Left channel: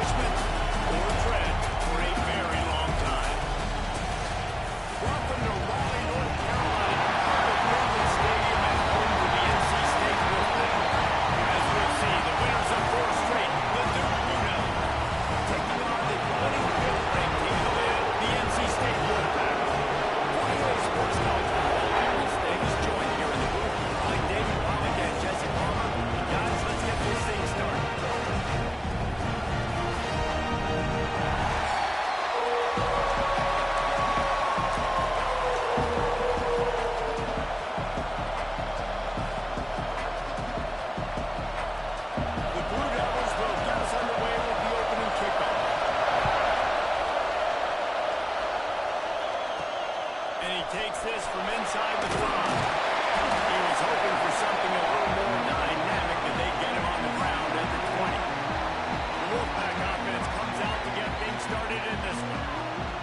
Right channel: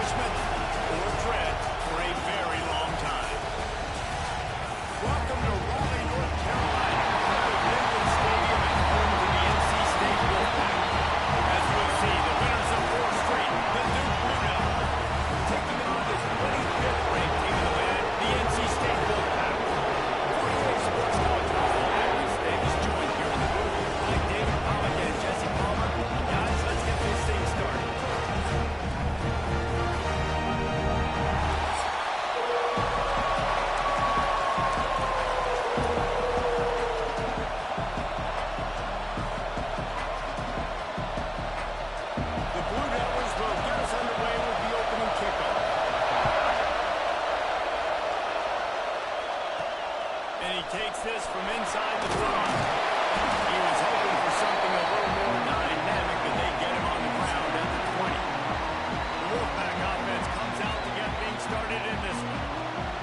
accomplishment or dread for a very long time. Welcome to Raleigh, North Carolina, home of Finley Stadium and home to the NC State Wolfpack. As we'll see, the winners of 4 straight, the Duke Blue Devils, taking on the 25th ranked team in the land, the NC State Wolfpack. 48 Sports College Football, I'm Reese Davis, joined here in the booth by David Pollack and Jesse Palmer. And guys, let's get this thing started. Takes this from inside the 5. He was hoping for something a little more dynamic, but they get him on the ground at the 20. The Wolfpack offense comes out to get things started in this one.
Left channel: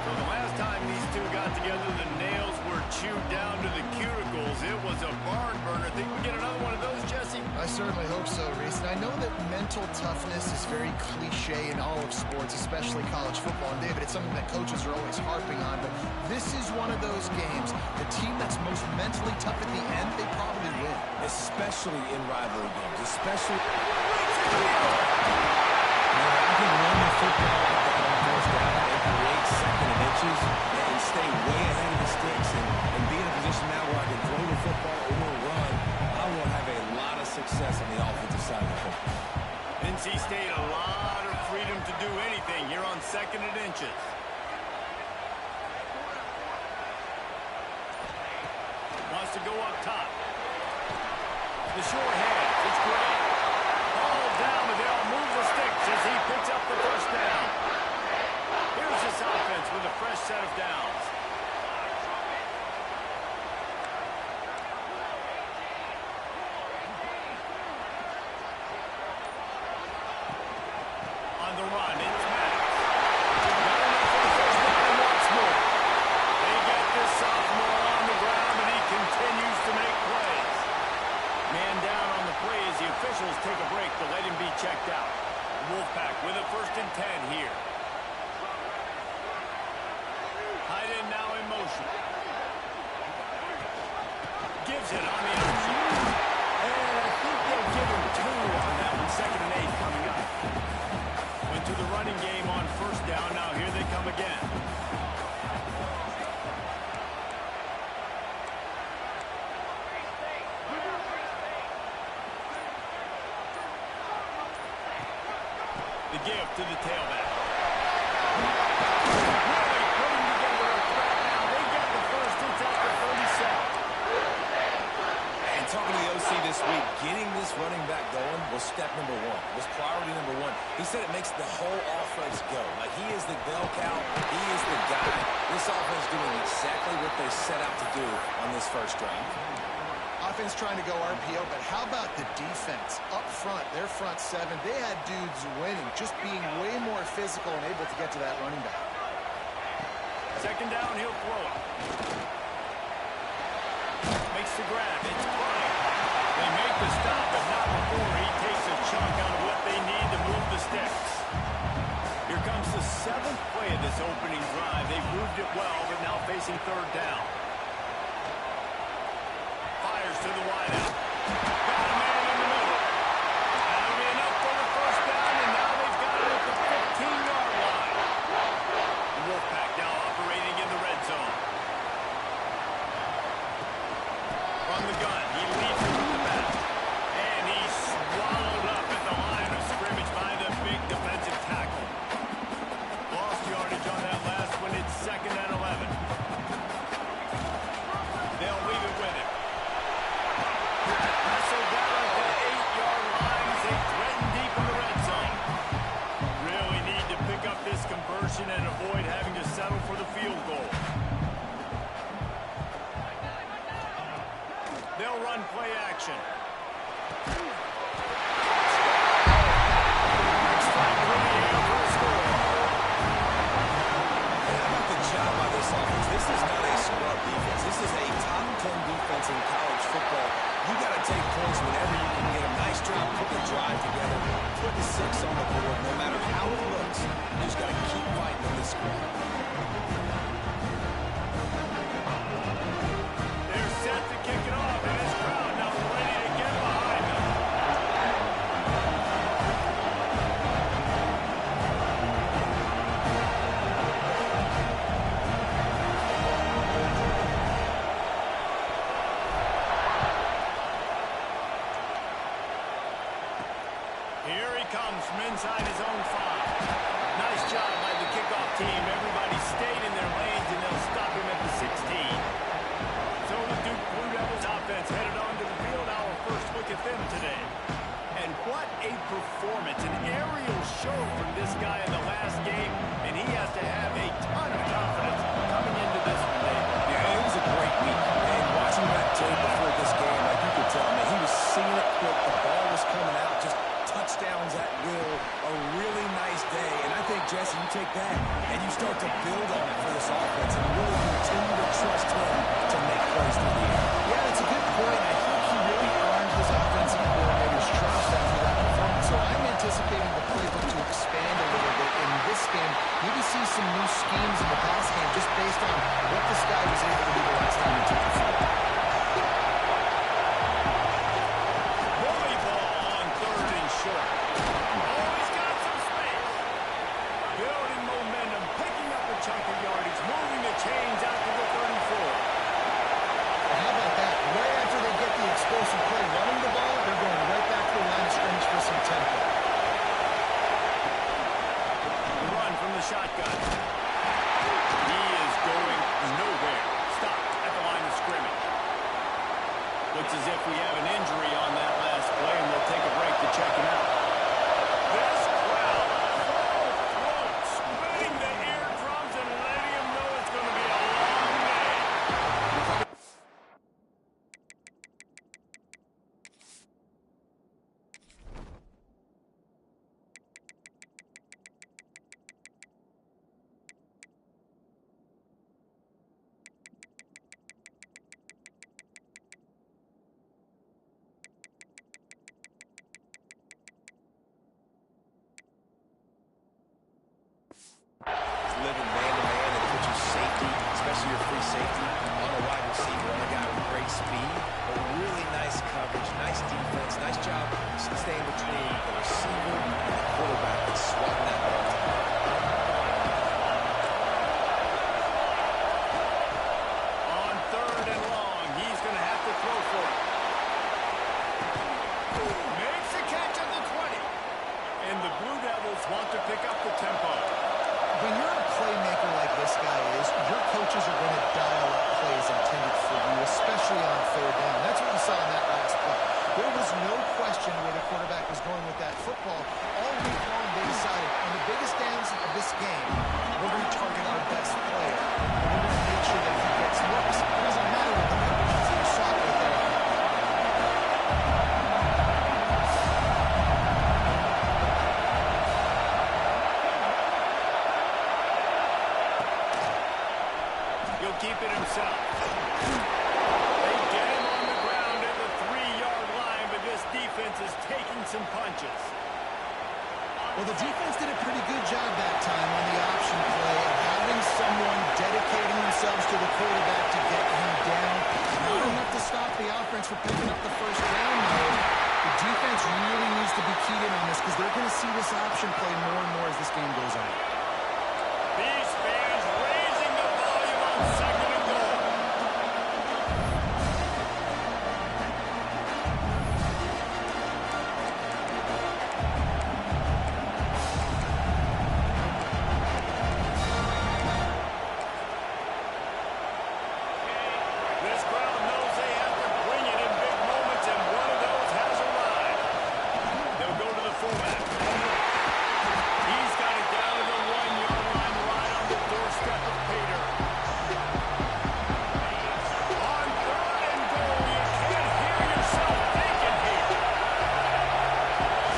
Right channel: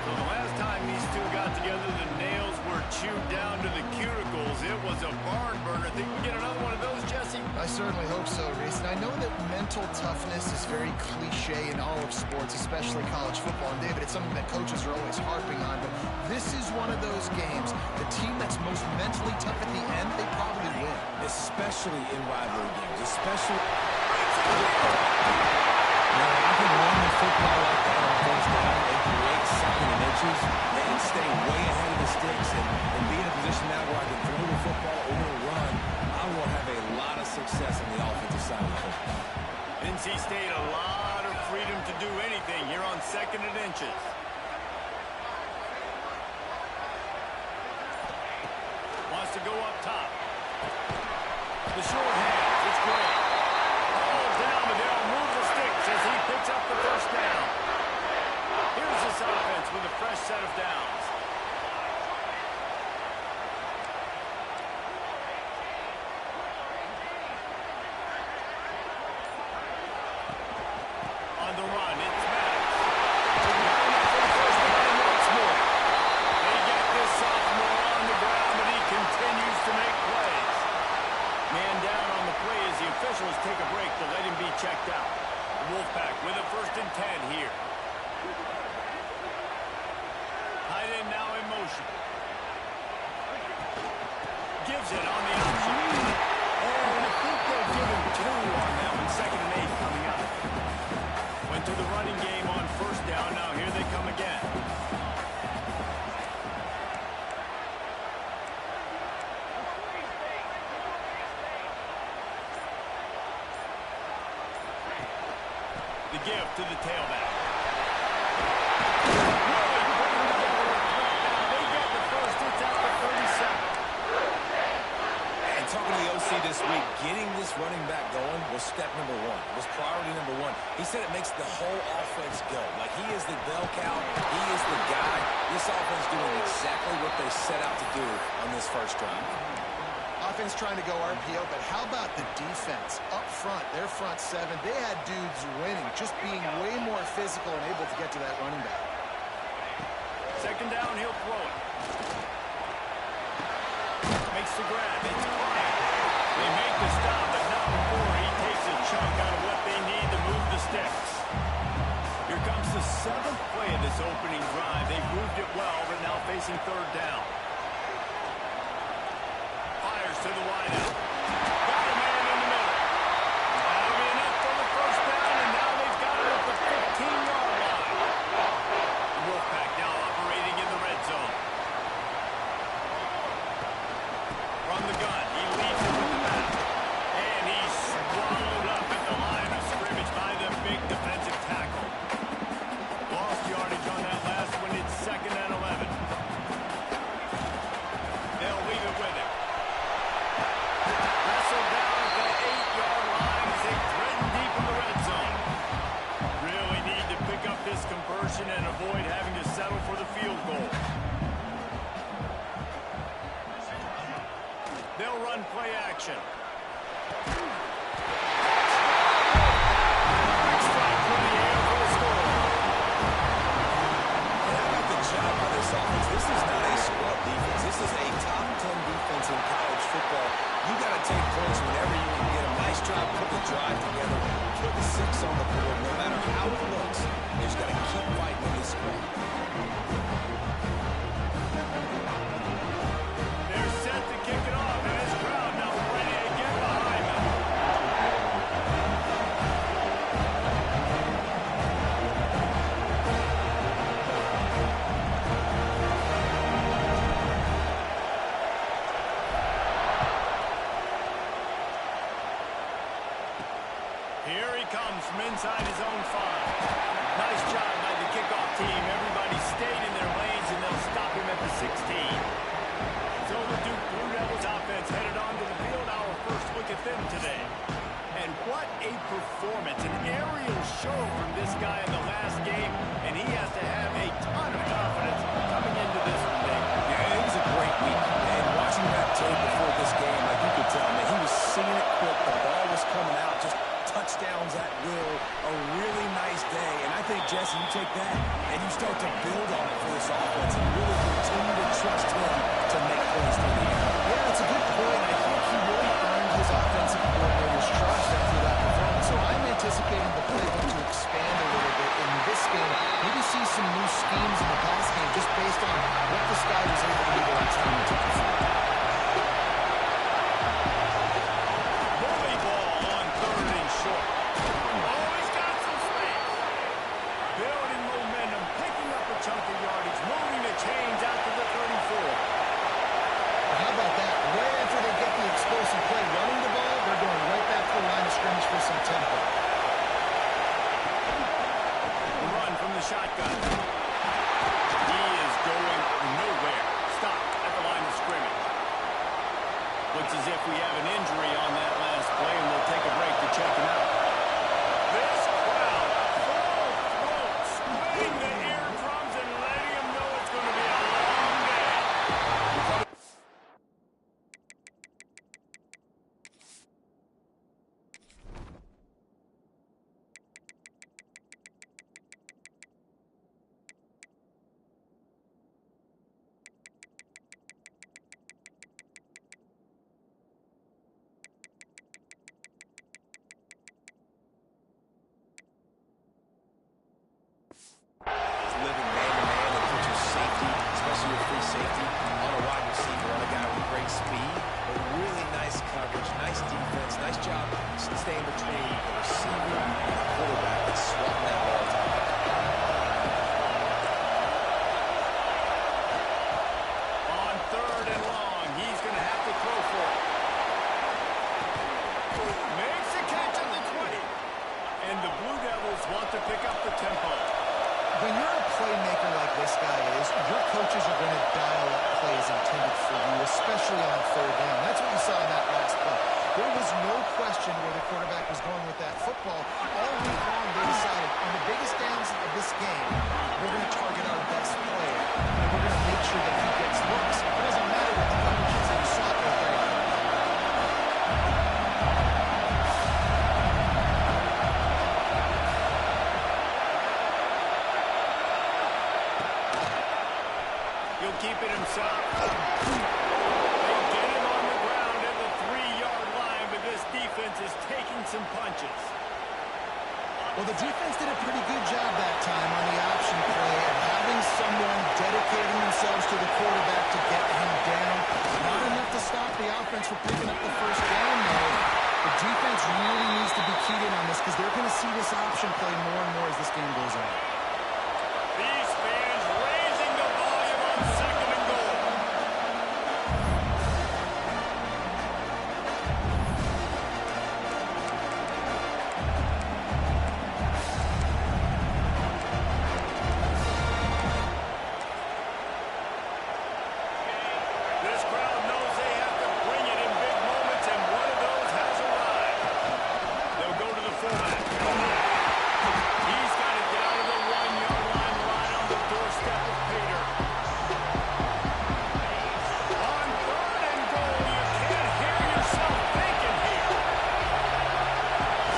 So the last time these two got together, the nails were chewed down to the cuticles. It was a barn burner. Think we get another one of those, Jesse? I certainly hope so, Reese. And I know that mental toughness is very cliche in all of sports, especially college football. And David, it's something that coaches are always harping on. But this is one of those games. The team that's most mentally tough at the end, they probably win. Especially in rivalry games. Especially... Now, I can run the football like that on first down and create second and inches and stay way ahead of the sticks and be in a position now where I can throw the football or run. I will have a lot of success on the offensive side of the football. NC State, a lot of freedom to do anything here on second and inches. Wants to go up top. The short hands, it's great. Ball down, but they'll move the sticks as he picks up the first down. Here's this offense with a fresh set of downs. On the run, it's Maddox. Got enough for the first down and once more. They get this sophomore on the ground, but he continues to make plays. Man down on the play as the officials take a break to let him be checked out. The Wolfpack with a 1st and 10 here. Tight end now in motion. Gives it on the option. And I think they'll give him 2 on that one. 2nd and 8 coming up. Went to the running game on first down. Now here they come again. The give to the tailback. Really putting together a threat now. They get the first. It's at the 37. And talking to the OC this week, getting this running back going was step number 1. Was priority number 1. He said it makes the whole offense go. Like he is the bell cow. He is the guy. This offense doing exactly what they set out to do on this first drive. Offense trying to go RPO, but how about the defense? Up front, their front 7, they had dudes winning, just being way more physical and able to get to that running back. 2nd down, he'll throw it. Makes the grab. It's fine. They make the stop, but not before he takes a chunk out of what they need to move the sticks. Here comes the 7th play of this opening drive. They've moved it well, but now facing 3rd down. Fires to the wideout. Got a man in the middle. That'll be enough for the first down, and now they've got it at the 15-yard line. The Wolfpack now operating in the red zone. From the gun, he leads it with the back. And he's swallowed up at the line of scrimmage by the big defensive tackle. Lost yardage on that last one. It's 2nd and 11. They'll leave it with him. Wrestled down at the 8-yard line as they threaten deep in the red zone. Really need to pick up this conversion and avoid having to settle for the field goal. They'll run play action. Quick strike through the air for the score. And how about the job by this offense? This is not a scrub defense. This is a top 10 defense in college football. You got to take points whenever you can get them. Nice job putting the drive together, putting 6 on the board. No matter how it looks, squad. They're set to kick it off, and this crowd now ready to get behind them. Here he comes from inside his own 5. Nice job by the kickoff team. Everybody stayed in their lanes, and they'll stop him at the 16. So the Duke Blue Devils offense headed onto the field. Our first look at them today. And what a performance. An aerial show from this guy in the last game, and he has to have a ton of confidence coming into this one, Dave. Yeah, it was a great week. And watching that tape before this game, like you could tell, man, he was singing it quick. The ball was coming out, just touchdowns at will. A really nice day. And I think, Jesse, you take that and you start to build on it for this offense and really continue to trust him to make plays through the air. Yeah, that's a good point. I think he really earned his offensive coordinator's trust after that performance. So I'm anticipating the playbook to expand a little bit in this game. Maybe see some new schemes in the pass game just based on what this guy was able to do the last time he took the field. Bully ball on 3rd and short. Oh, he's got some space. Building momentum, picking up a chunk of yardage, moving the chains out to the 34. Well, how about that? Right after they get the explosive play running the ball, they're going right back to the line of scrimmage for some tempo. The run from the shotgun. He is going nowhere. Stopped at the line of scrimmage. Looks as if we have an injury on that last play, and we'll take a break to check him out. This crowd, full throat, spinning the eardrums and letting him know it's going to be a long day. Living man-to-man and put your safety, especially your free safety, on a wide receiver, on a guy with great speed, but really nice coverage, nice defense, nice job staying between the receiver and the quarterback and swatting that ball to him. On 3rd and long, he's going to have to throw for it. Makes a catch at the 20. And the Blue Devils want to pick up the tempo. When you're a playmaker like this guy is, your coaches are going to dial up plays intended for you, especially on 3rd down. That's what you saw in that last play. There was no question where the quarterback was going with that football. All week long, they decided on the biggest downs of this game, we're going to target our best player, and we're going to make sure that he gets looks. It doesn't matter what the coverage is. You saw it right there. He'll keep it himself. They get him on the ground at the 3-yard line, but this defense is taking some punches. Well, the defense did a pretty good job that time on the option play of having someone dedicating themselves to the quarterback to get him down. Not enough to stop the offense from picking up the 1st down, though. The defense really needs to be keyed in on this because they're going to see this option play more and more as this game goes on. These fans raising the volume on 2nd and goal. This crowd knows they have to bring it in big moments, and one of those has arrived. They'll go to the fullback. He's got it down to the 1-yard line, right on the doorstep of Pater. On 3rd and goal, you can't hear yourself thinking here.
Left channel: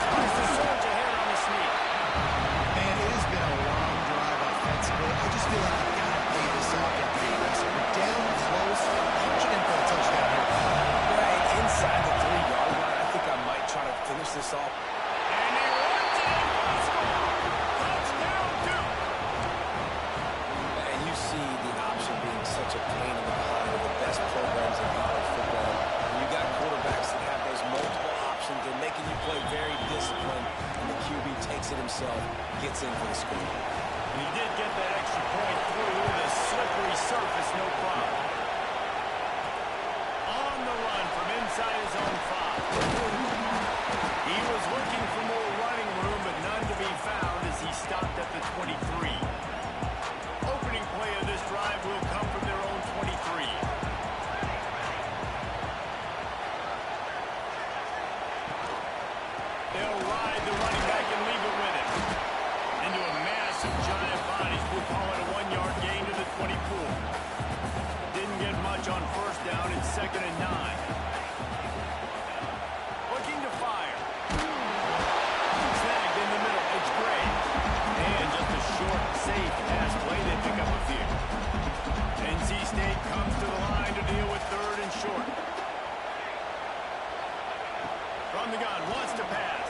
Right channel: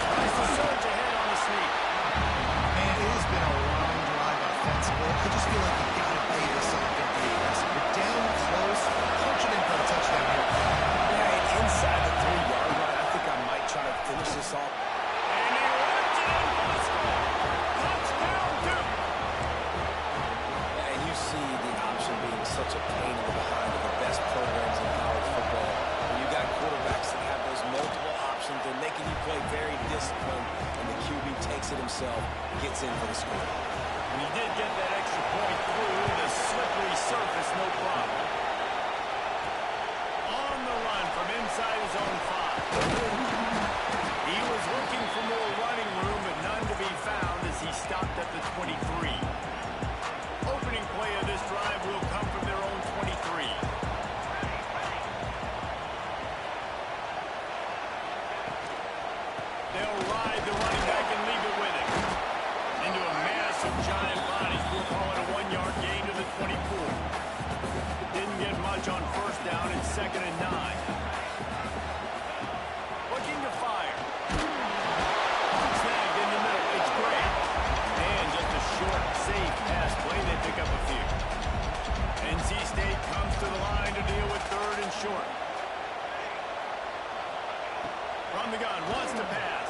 Tries to surge ahead on the sneak. Man, it has been a long drive offensively. I just feel like you got to pay this off and be aggressive. You're down close. Punch it in for a touchdown here. Right inside the 3-yard line, I think I might try to finish this off. And he runs it in for the score. Touchdown, Duke. such a pain in the behind of the best programs in college football. When you got quarterbacks that have those multiple options, they're making you play very disciplined, and the QB takes it himself, gets in for the score. And he did get that extra point through the slippery surface, no problem. On the run from inside his own 5. He was looking for more running room, but none to be found as he stopped at the 23. Opening play of this drive will come from their own 23. They'll ride the running back and leave it with him. Into a massive giant bodies. We'll call it a 1-yard gain to the 24. Didn't get much on first down. It's 2nd and 9. Looking to fire. Snagged in the middle. It's Gray. And just a short, safe pass play. They pick up a few. NC State comes to the line to deal with 3rd and short. From the gun, wants to pass.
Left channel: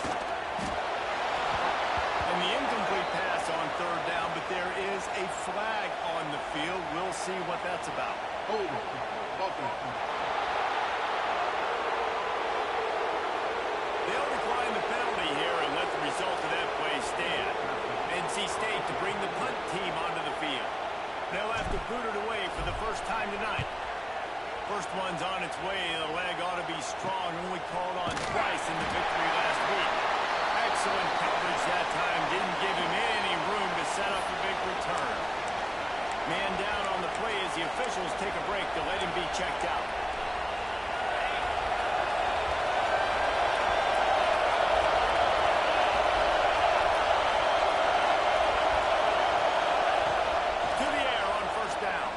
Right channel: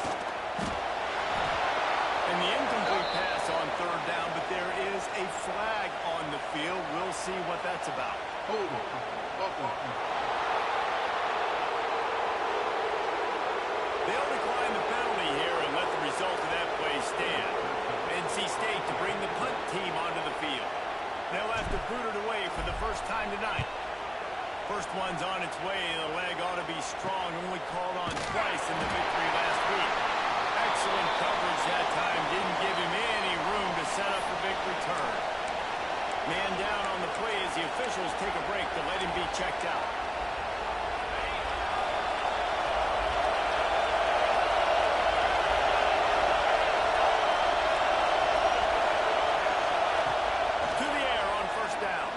And the incomplete pass on 3rd down, but there is a flag on the field. We'll see what that's about. Hold on. Okay. They'll decline the penalty here and let the result of that play stand. NC State to bring the punt team onto the field. They'll have to boot it away for the first time tonight. First one's on its way. The leg ought to be strong. Only called on twice in the victory last week. Excellent coverage that time. Didn't give him any room to set up a big return. Man down on the play as the officials take a break to let him be checked out. To the air on first down.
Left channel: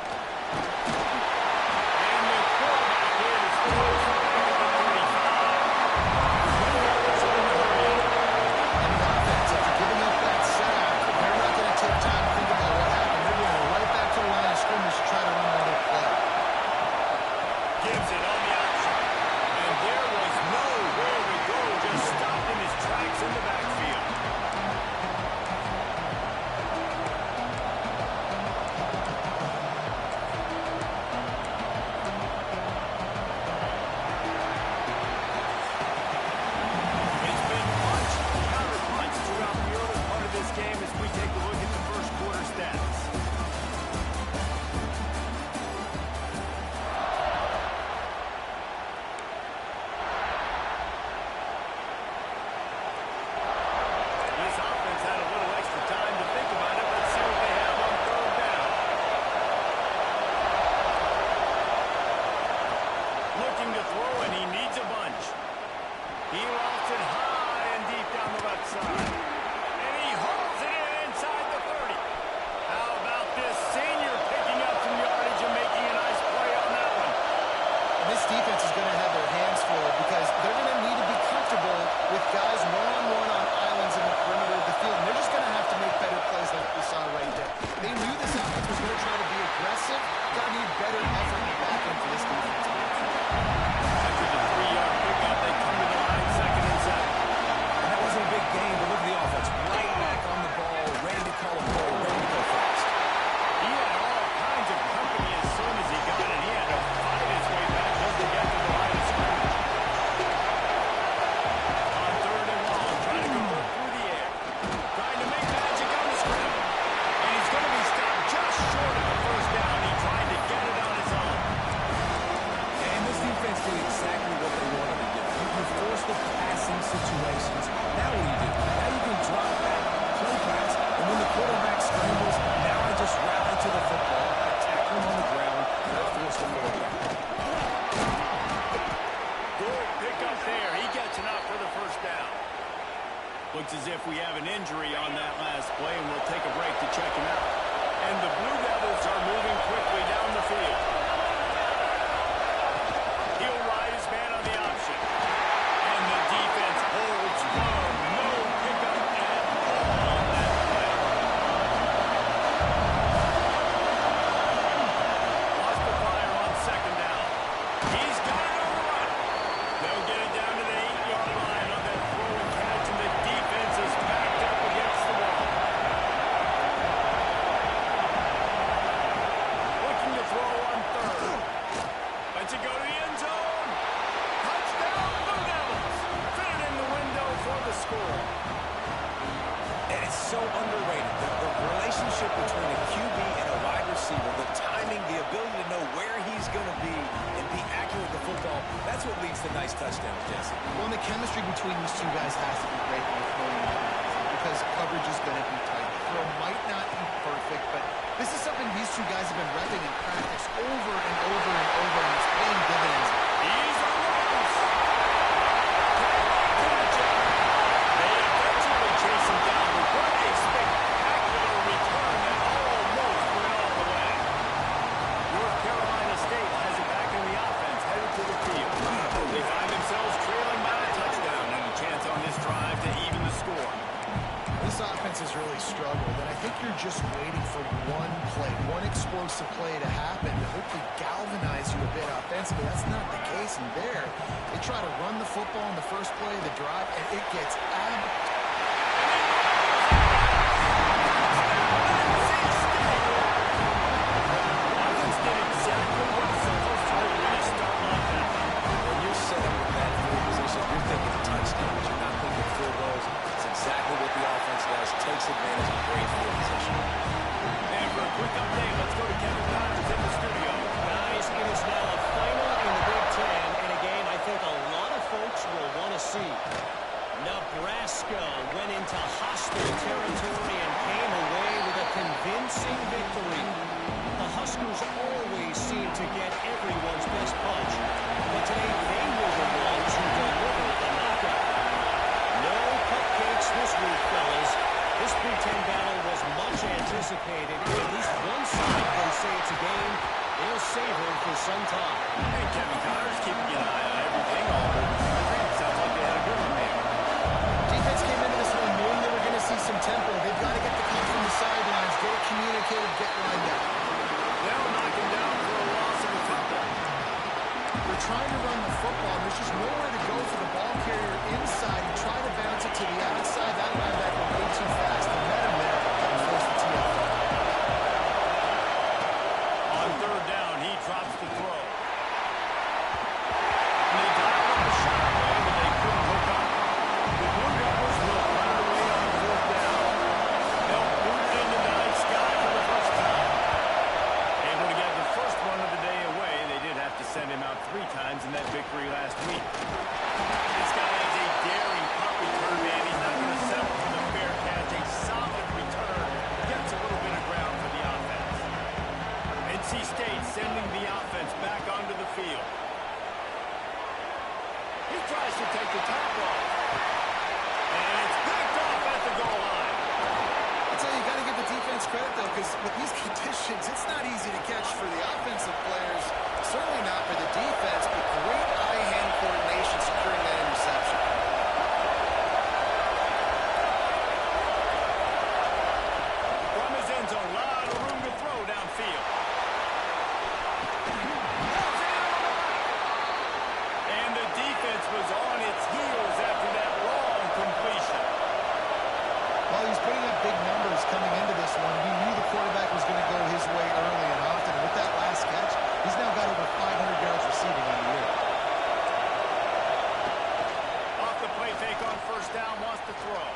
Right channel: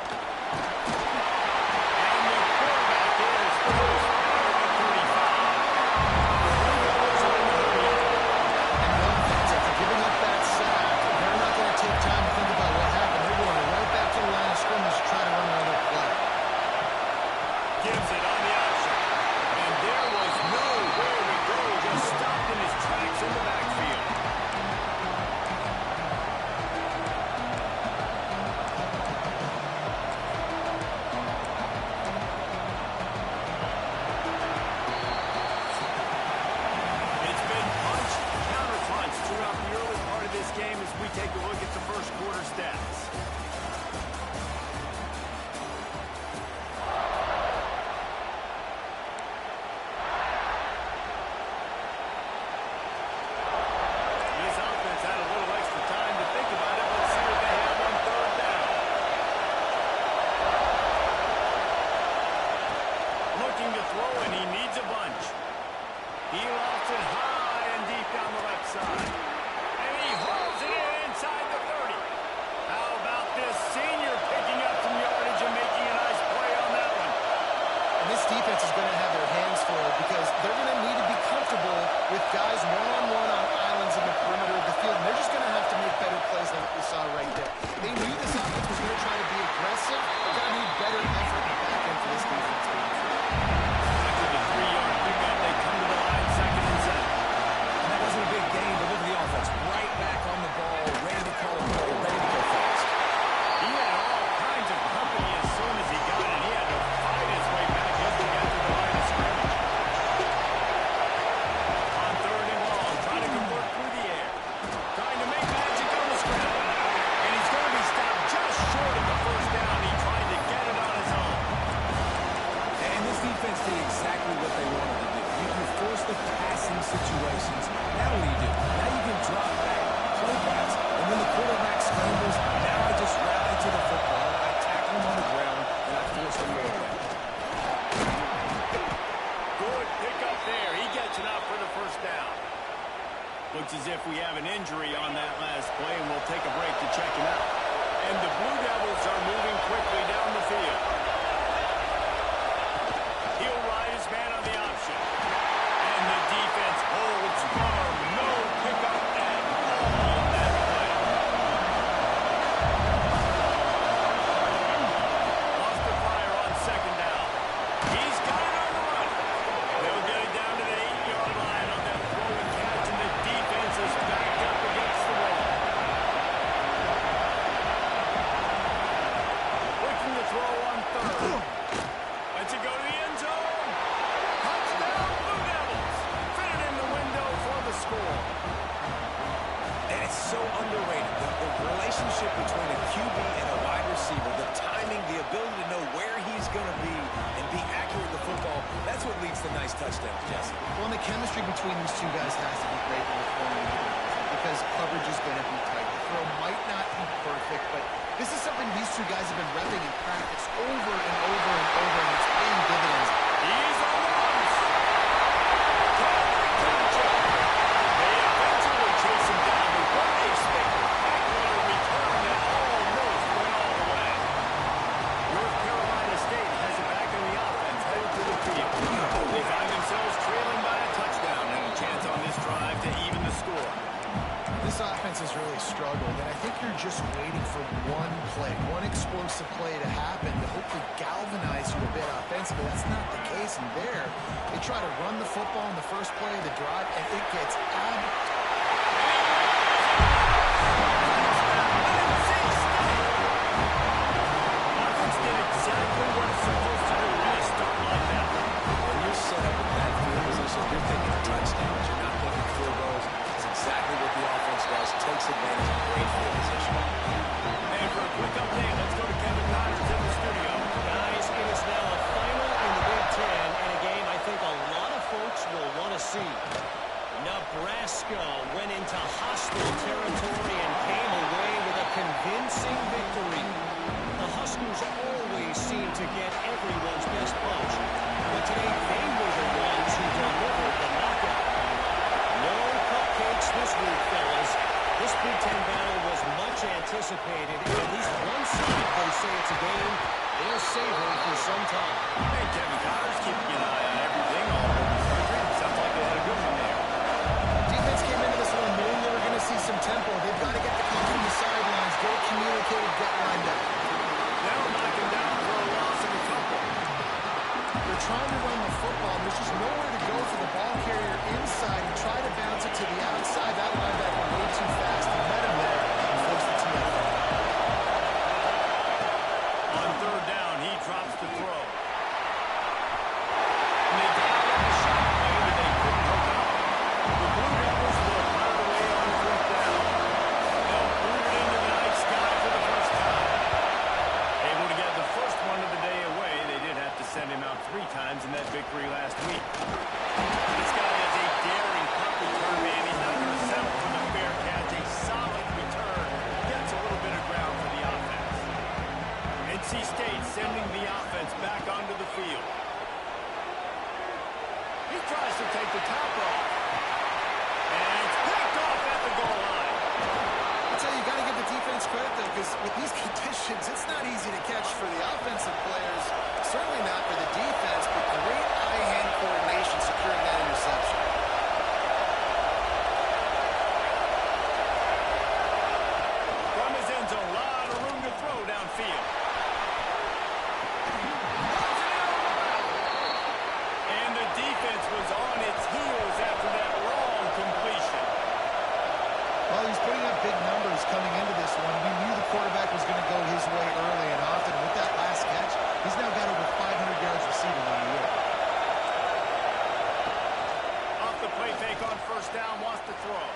And the quarterback is close back at the 35. The Blue Devils are in the hurry up. And the offense, after giving up that sack, they're not going to take time to think about what happened. They're going right back to the line of scrimmage to try to run another play. Gives it on the option. And there was nowhere to go. Just stopped in his tracks in the backfield. It's been punch, counter-punch throughout the early part of this game as we take a look at the first quarter stats. This offense had a little extra time to think about it. Let's see what they have on 3rd down. Looking to throw, and he needs a bunch. He lofts it high and deep down the left side. And he hauls it in inside the 30. How about this senior picking up some yardage and making a nice play on that one? And this defense is going to have their hands full because they're going to need to be comfortable with guys one-on-one on islands in the perimeter of the field. And they're just going to have to make better plays like we saw right there. They knew this offense was going to try to be aggressive. Got to need better effort in the back end for this defense. After the 3-yard pickup, they come to the line 2nd and 7. And that wasn't a big gain, but look at the offense. Right back on the ball, ready to call a play, ready to go fast. He had all kinds of company as soon as he got it. He had to fight his way back just to get to the line of scrimmage. On 3rd and long, trying to convert through the air. Trying to make magic on the scramble. And he's going to be stopped just short of the first down. He tried to get it on his own. And this defense did exactly what they wanted to do. You force the passing situations. Now what do? Now you can drop back, play pass, and when the quarterback scrambles, now I just rally to the football, I tackle him on the ground, and I force the ball back. Good pickup there. He gets enough for the first down. Looks as if we have an injury on that last play, and we'll take a break to check him out. And the Blue Devils are moving quickly down the field. He'll ride his man on the option. And the defense holds firm. No pickup at all on that play. Lost the fire on 2nd down. He's got it on the run. They'll get it down to the 8-yard line on that throw and catch, and the defense is backed up against the wall. Looking to throw on Lets it go to the end zone. Touchdown, Blue Devils. Fit it in the window for the score. And it's so underrated. The relationship between a QB and a wide receiver, the timing, the ability to know where he's going to be and be accurate with the football, that's what leads to nice touchdowns, Jesse. Well, and the chemistry between these two guys has to be great when they're throwing into the end zone because coverage is going to be tight. The throw might not be perfect, but this is something these two guys have been repping in practice over and over and over, and it's paying dividends. He's on the loose. Can they catch him? They eventually chase him down, but what a spectacular return that almost went all the way. North Carolina State has it back in the offense, headed to the field. They find themselves trailing by a touchdown and a chance on this drive to even the score. This offense has really struggled, and I think you're just waiting for one play, one explosive play to happen to hopefully galvanize you a bit offensively. That's not the case, and there, they try to run the football in the first play of the drive, and it gets Offense did exactly what it's supposed to do when they start like that. When you're set up with that field position, you're thinking touchdowns. You're not thinking field goals. It's exactly what the offense does. Takes advantage of great field position. And for a quick update, let's go to Kevin Connors in the studio. Guys, it is now a final in the Big Ten, and a game I think a lot of folks will want to see. Nebraska went into hostile territory and came away with a convincing victory. The Huskers always seem to get everyone's best punch, but today they were the ones who delivered the knockout. No cupcakes this week, fellas. This Big Ten battle was much anticipated, and at least one side can say it's a game they'll savor for some time. Hey, Kevin Connors keeping an eye on everything all over the country. Sounds like they had a good one there. Defense came into this one knowing they were going to see some tempo. They've got to get the call from the sidelines, get it communicated, get lined up. They'll knock him down for a loss of a couple. They're trying to run the football. There's just nowhere to go for the ball carrier inside. He tried to bounce it to the outside. That linebacker way too fast. He met him there and forced the TFL. On third down, he drops the throw. And they dialed up the shot play, but they couldn't hook up. The Blue Devils will punt it away on fourth down. They'll boot it into the night sky for the first time. Able to get the first one of the day away. They did have to send him out 3 times in that victory last week. This guy is a daring punt return man. He's not going to settle for the fair catch. A solid return. Gets a little bit of ground for the offense. NC State sending the offense back onto the field. He tries to take the top off. And it's picked off at the goal line. I'll tell you, you got to give the defense credit, though, because with these conditions, it's not easy to catch for the offensive players. Certainly not for the defense, but great eye-hand coordination securing that interception. From his end zone, a lot of room to throw downfield. Throws it in on the left. And the defense was on its heels after that long completion. Well, he's putting up big numbers coming into this one. We knew the quarterback was going to go his way early and often. And with that last catch, he's now got over 500 yards receiving on the year. Off the play fake on first down, wants to throw.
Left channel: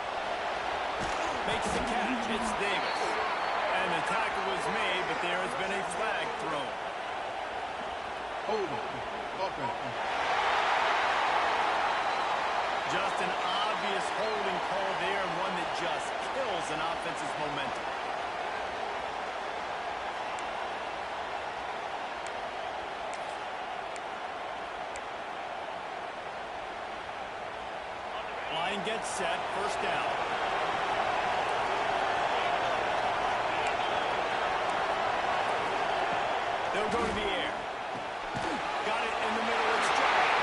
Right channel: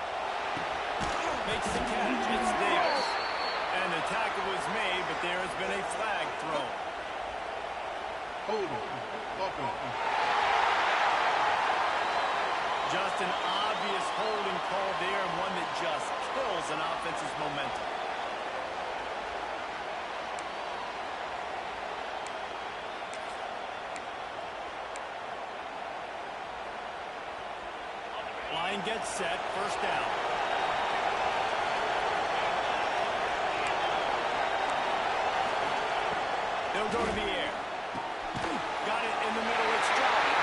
Makes the catch. It's Davis. And the tackle was made, but there has been a flag thrown. Hold on. Offense. Just an obvious holding call there, and one that just kills an offense's momentum. Line gets set, first down. They'll go to the air. Got it in the middle, it's Johnny.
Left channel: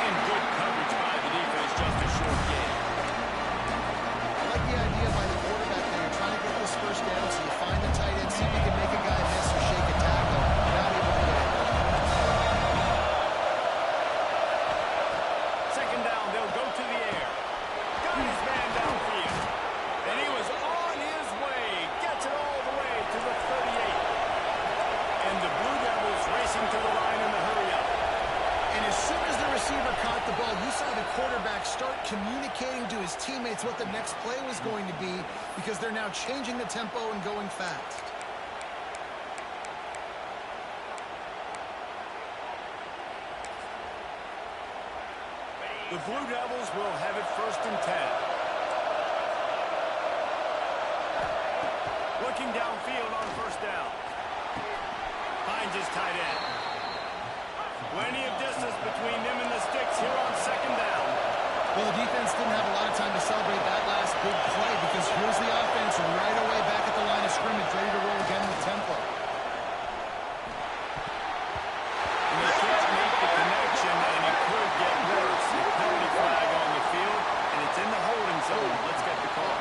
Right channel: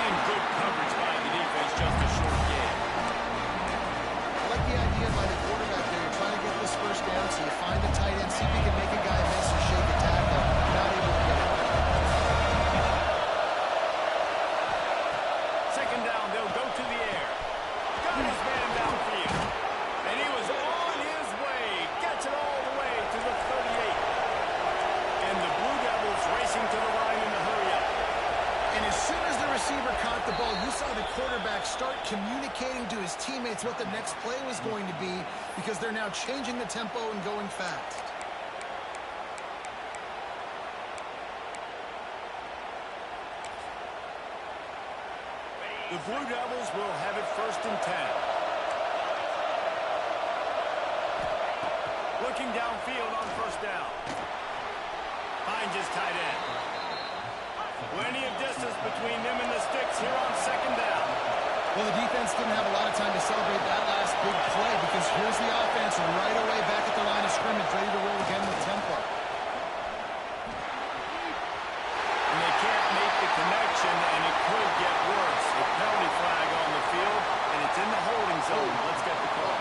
And good coverage by the defense, just a short game. I like the idea by the quarterback there. You're trying to get this first down, so you find the tight end, see if you can make a guy miss or shake a tackle. Not able to get it. Second down, they'll go to the air. Got his man downfield. And he was on his way. Gets it all the way to the 38. And the Blue Devils racing to the line in the hurry-up. receiver caught the ball, you saw the quarterback start communicating to his teammates what the next play was going to be because they're now changing the tempo and going fast. The Blue Devils will have it 1st and 10. Looking downfield on 1st down. Finds his tight end. Plenty of distance between them and the sticks here on 2nd down. Well, the defense didn't have a lot of time to celebrate that last big play because here's the offense right away back at the line of scrimmage, ready to roll again with tempo. And they can't make the connection, and it could get worse. A penalty flag on the field, and it's in the holding zone. Let's get the call.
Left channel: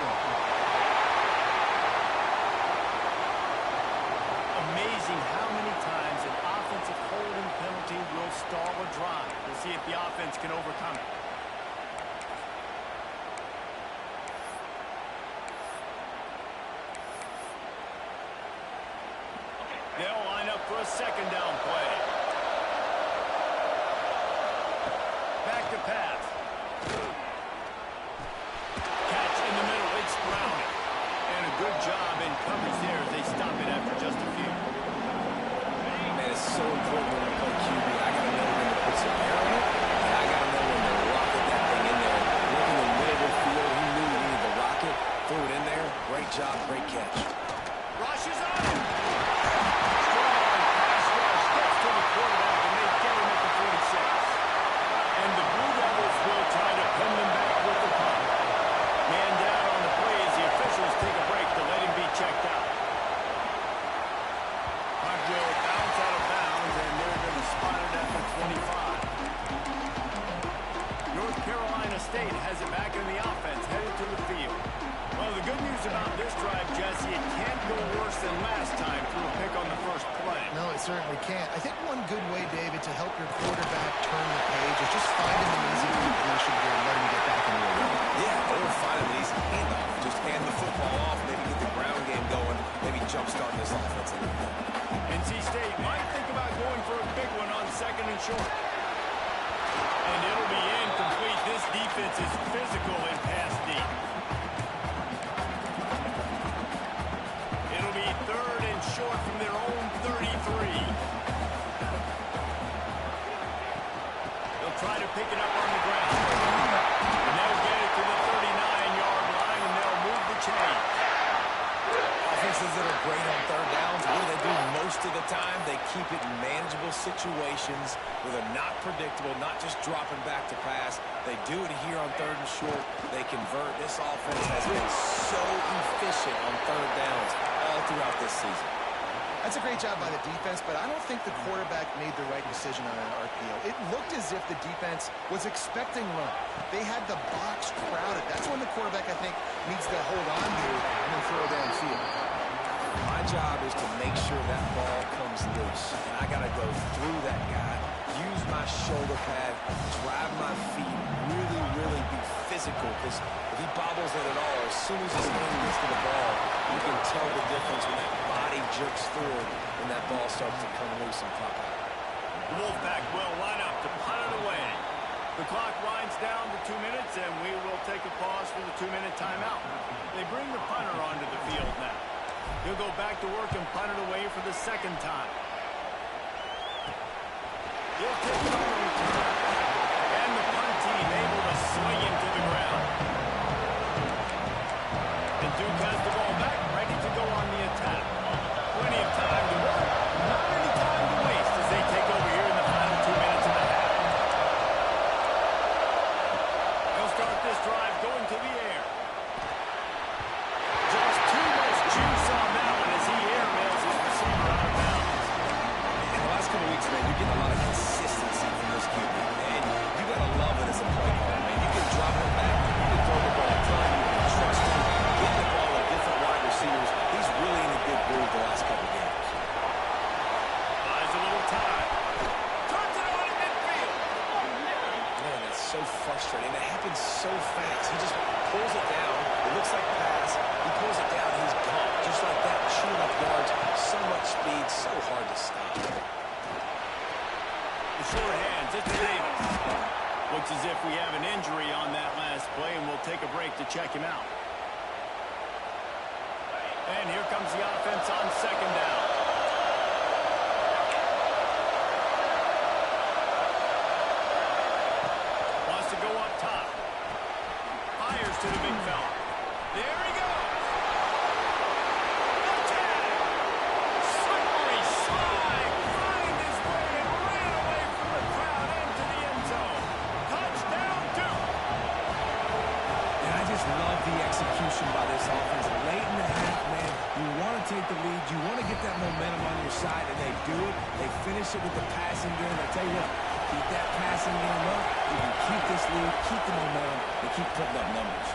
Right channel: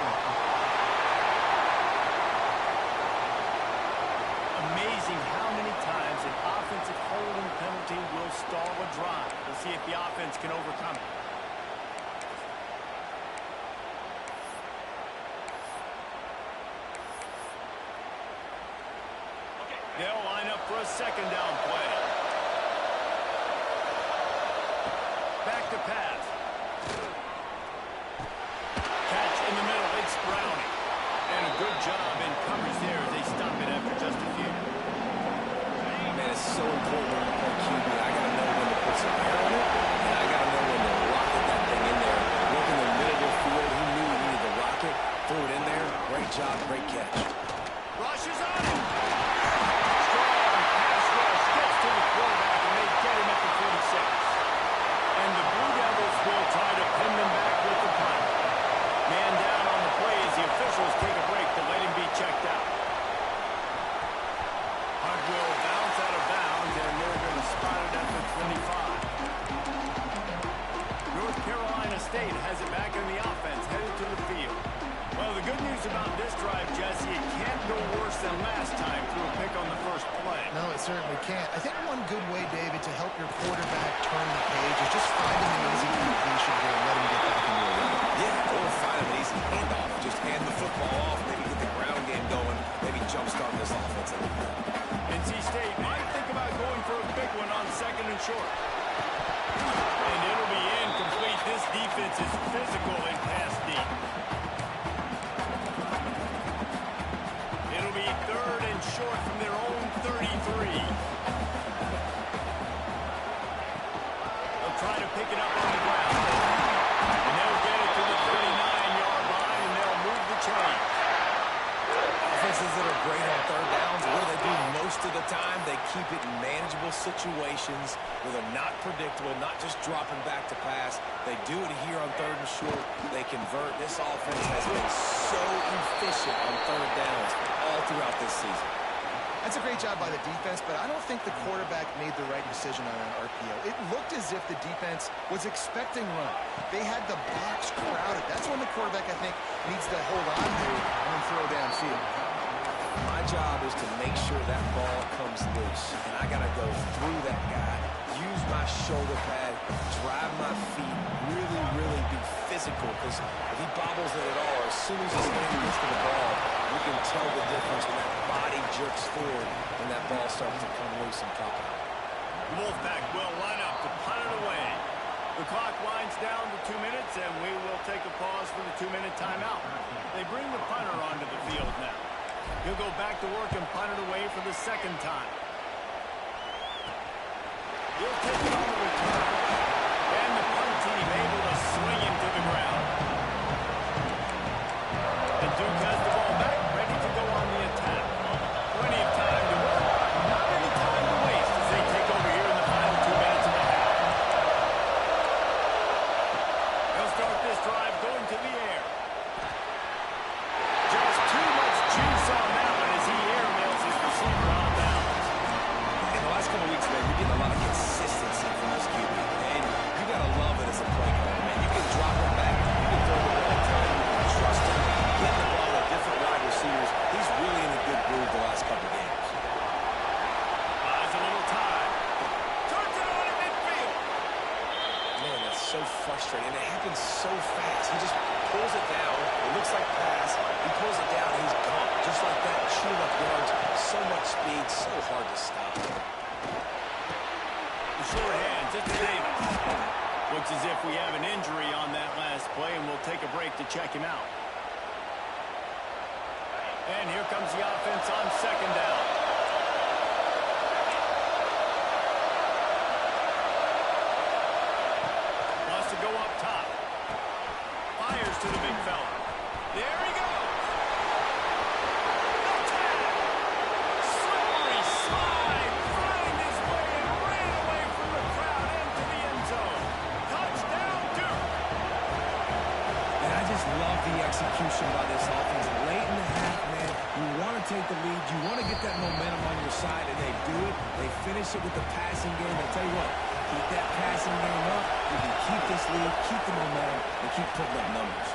Amazing how many times an offensive holding penalty will stall a drive. We'll see if the offense can overcome it. They'll line up for a 2nd down play. Back to pass. Catch in the middle. It's Browning. And a good job in coverage there as they stop it after just a few. Man, it's so important when you play QB. I got to know when to put some air on it, and I got to know when to rocket that thing in there. Working the middle of the field, he knew he needed the rocket. Threw it in there. Great job, great catch. Rushes on him. Strong pass rush. Gets to the quarterback, and they get him at the 46. And the Blue Devils will try to pin them back with the punt. Man down on the play as the officials take a break to let him be checked out. Punt will bounce out of bounds, and they're going to spot it at the 25. North Carolina State has it back in the offense, headed to the field. Well, the good news about this drive, Jesse, it can't go worse than last time through a pick on the first play. No, it certainly can't. I think one good way, David, to help your quarterback turn the page is just find him an easy completion here and let him get back into a run. Yeah, or find him an easy handoff. Just hand the football off, maybe get the ground game going, maybe jumpstart this offense a little bit. NC State might think about going for a big one on 2nd and short. And it'll be incomplete. This defense is physical and pass deep. It'll be 3rd and short from their own 33. They'll try to pick it up on the ground. And they'll get it to the 39-yard line, and they'll move the chains. Offenses that are great on 3rd downs, what do? Most of the time, they keep it in manageable situations where they're not predictable, not just dropping back to pass. They do it here on 3rd and short. They convert. This offense has been so efficient on 3rd downs all throughout this season. That's a great job by the defense, but I don't think the quarterback made the right decision on an RPO. It looked as if the defense was expecting run. They had the box crowded. That's when the quarterback, I think, needs to hold on to and then throw downfield. My job is to make sure that ball comes loose, and I got to go through that guy, use my shoulder pad, drive my feet, really be physical, because if he bobbles it at all, or as soon as his hand gets to the ball, you can tell the difference when that body jerks forward and that ball starts to come loose and pop out. The Wolfpack will line up to punt it away. The clock winds down to 2 minutes, and we will take a pause for the 2-minute timeout. They bring the punter onto the field now. He'll go back to work and punt it away for the 2nd time. He'll take it on the return. And the punt team able to swing him to the ground. And Duke has the ball back, ready to go on the attack. Plenty of time to work. Not any time to waste as they take over here in the final 2 minutes of the half. They'll start this drive going to the air. Just too much juice on that one as he airmails his receiver out of bounds. In the last couple of weeks, man, you're getting a lot of consistency from this QB. And you got to love it as a play caller, man. You can drop him back. You can throw the ball a ton. You can trust him. Get the ball with different wide receivers. He's really in a good groove the last couple of games. Buys a little time. Turns it on in midfield. Man, that's so frustrating. It happens so fast. He just pulls it down. It looks like pass. He pulls it down. He's gone. Just like that, chewing up yards. So much speed. So hard to stop. the short hands. It's Davis. Looks as if we have an injury on that last play, and we'll take a break to check him out. And here comes the offense on second down. Wants to go up top. Fires to the big fella. There he goes. No tag. Slippery slide. Find his way and ran away from the crowd into the end zone. Touchdown, Duke. And I just love the execution by this offense. Late in the half, man, you want to take the lead. You want to get that momentum on your side, and they do it. They finish it with the passing game. I tell you what, keep that passing game up. You can keep this lead, keep the momentum, and keep putting up numbers.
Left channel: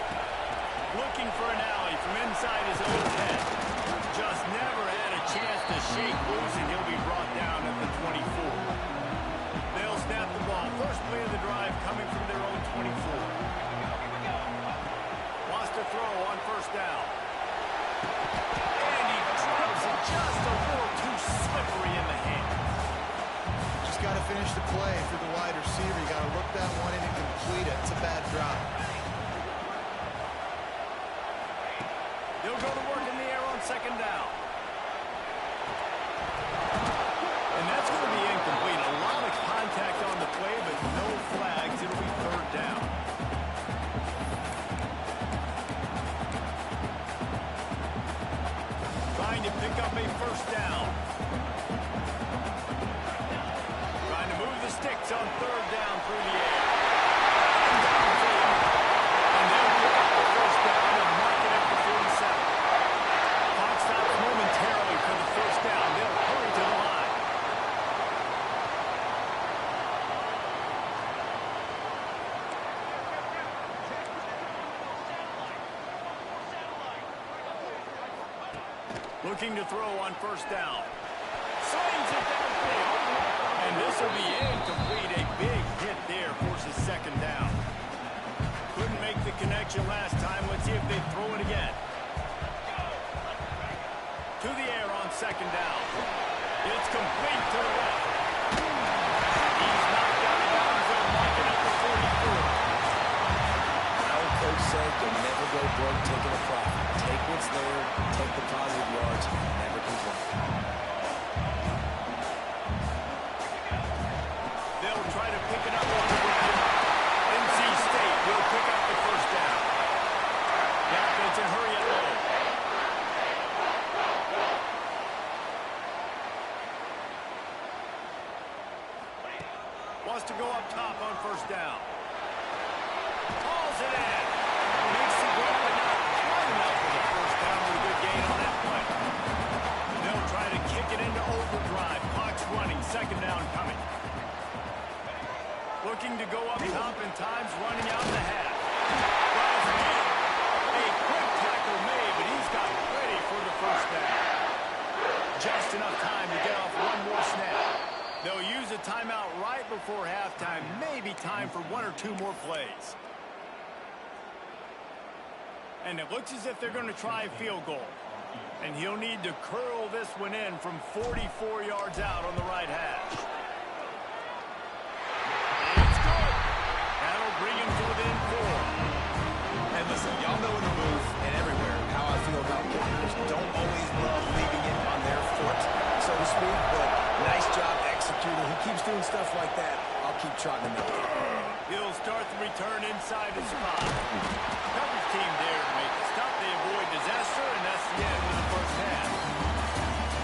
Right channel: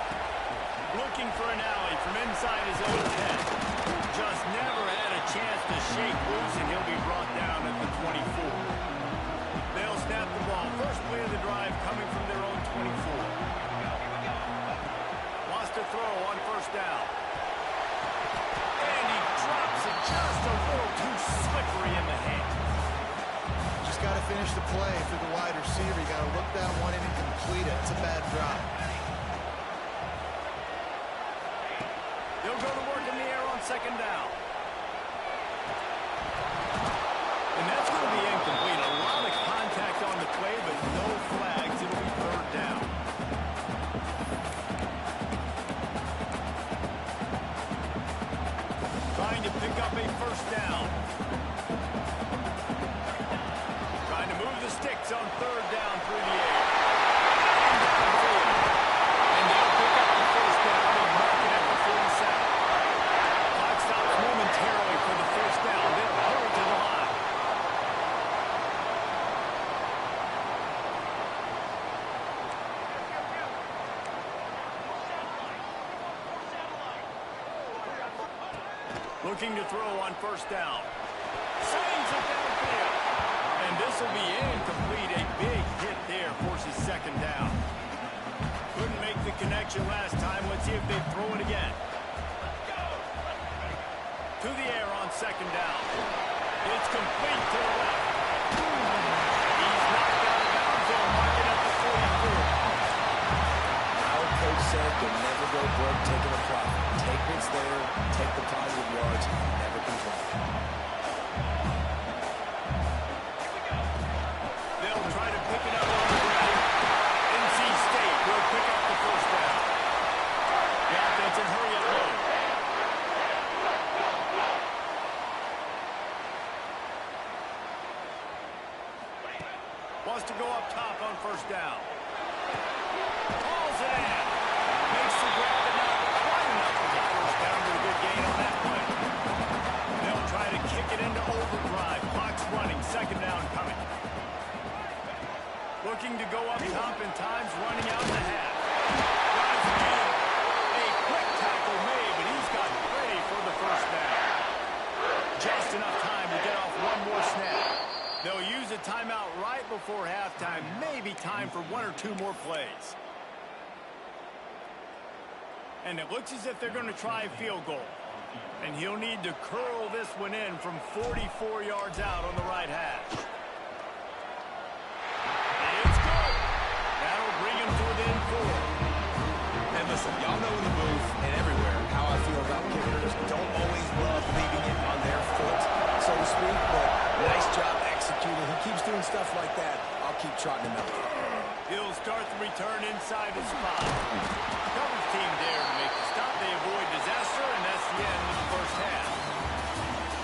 Looking for an alley from inside his own 10. Just never had a chance to shake loose, and he'll be brought down at the 24. They'll snap the ball. First play of the drive coming from their own 24. Wants to throw on first down. And he drops it just a little too slippery in the hands. Just got to finish the play for the wide receiver. You got to look that one in and complete it. It's a bad drop. They'll go to work in the air on second down. And that's going to be incomplete. A lot of contact on the play, but no flags. It'll be third down. Trying to pick up a first down. Trying to move the sticks on third down through the air. And downfield. And they'll pick up the first down and mark it at the 47. Clock stops momentarily for the first down. They'll hurry to the line. Looking to throw on first down. Slings it downfield. And this will be incomplete. A big hit there forces second down. Couldn't make the connection last time. Let's see if they throw it again. To the air on second down. It's complete to the left. He's knocked out of bounds. They'll mark it at the 44. Our coach said you'll never go broke taking a profit. Take what's there, take the positive yards, never complain. They'll try to pick it up on the ground. NC State will pick up the first down. The offense and hurry it low. Wants to go up top on first down. Hauls it in. Makes the grab, but not quite enough for the first down, but a good gain on that play. They'll try to kick it into overdrive. Clock's running. Second down coming. Looking to go up top, and time's running out in the half. Got his man. A quick tackle made, but he's got ready for the first down. Just enough time to get off one more snap. They'll use a timeout right before halftime. Maybe time for one or two more plays. And it looks as if they're going to try a field goal. And he'll need to curl this one in from 44 yards out on the right hash. It's good. That'll bring him to within 4. And listen, y'all know in the booth and everywhere how I feel about kickers. Don't always love leaving it on their foot, so to speak, but nice job executing. He keeps doing stuff like that. I'll keep trotting him out. He'll start the return inside his spot. Coverage team there to make the stop. They avoid disaster, and that's the end of the first half.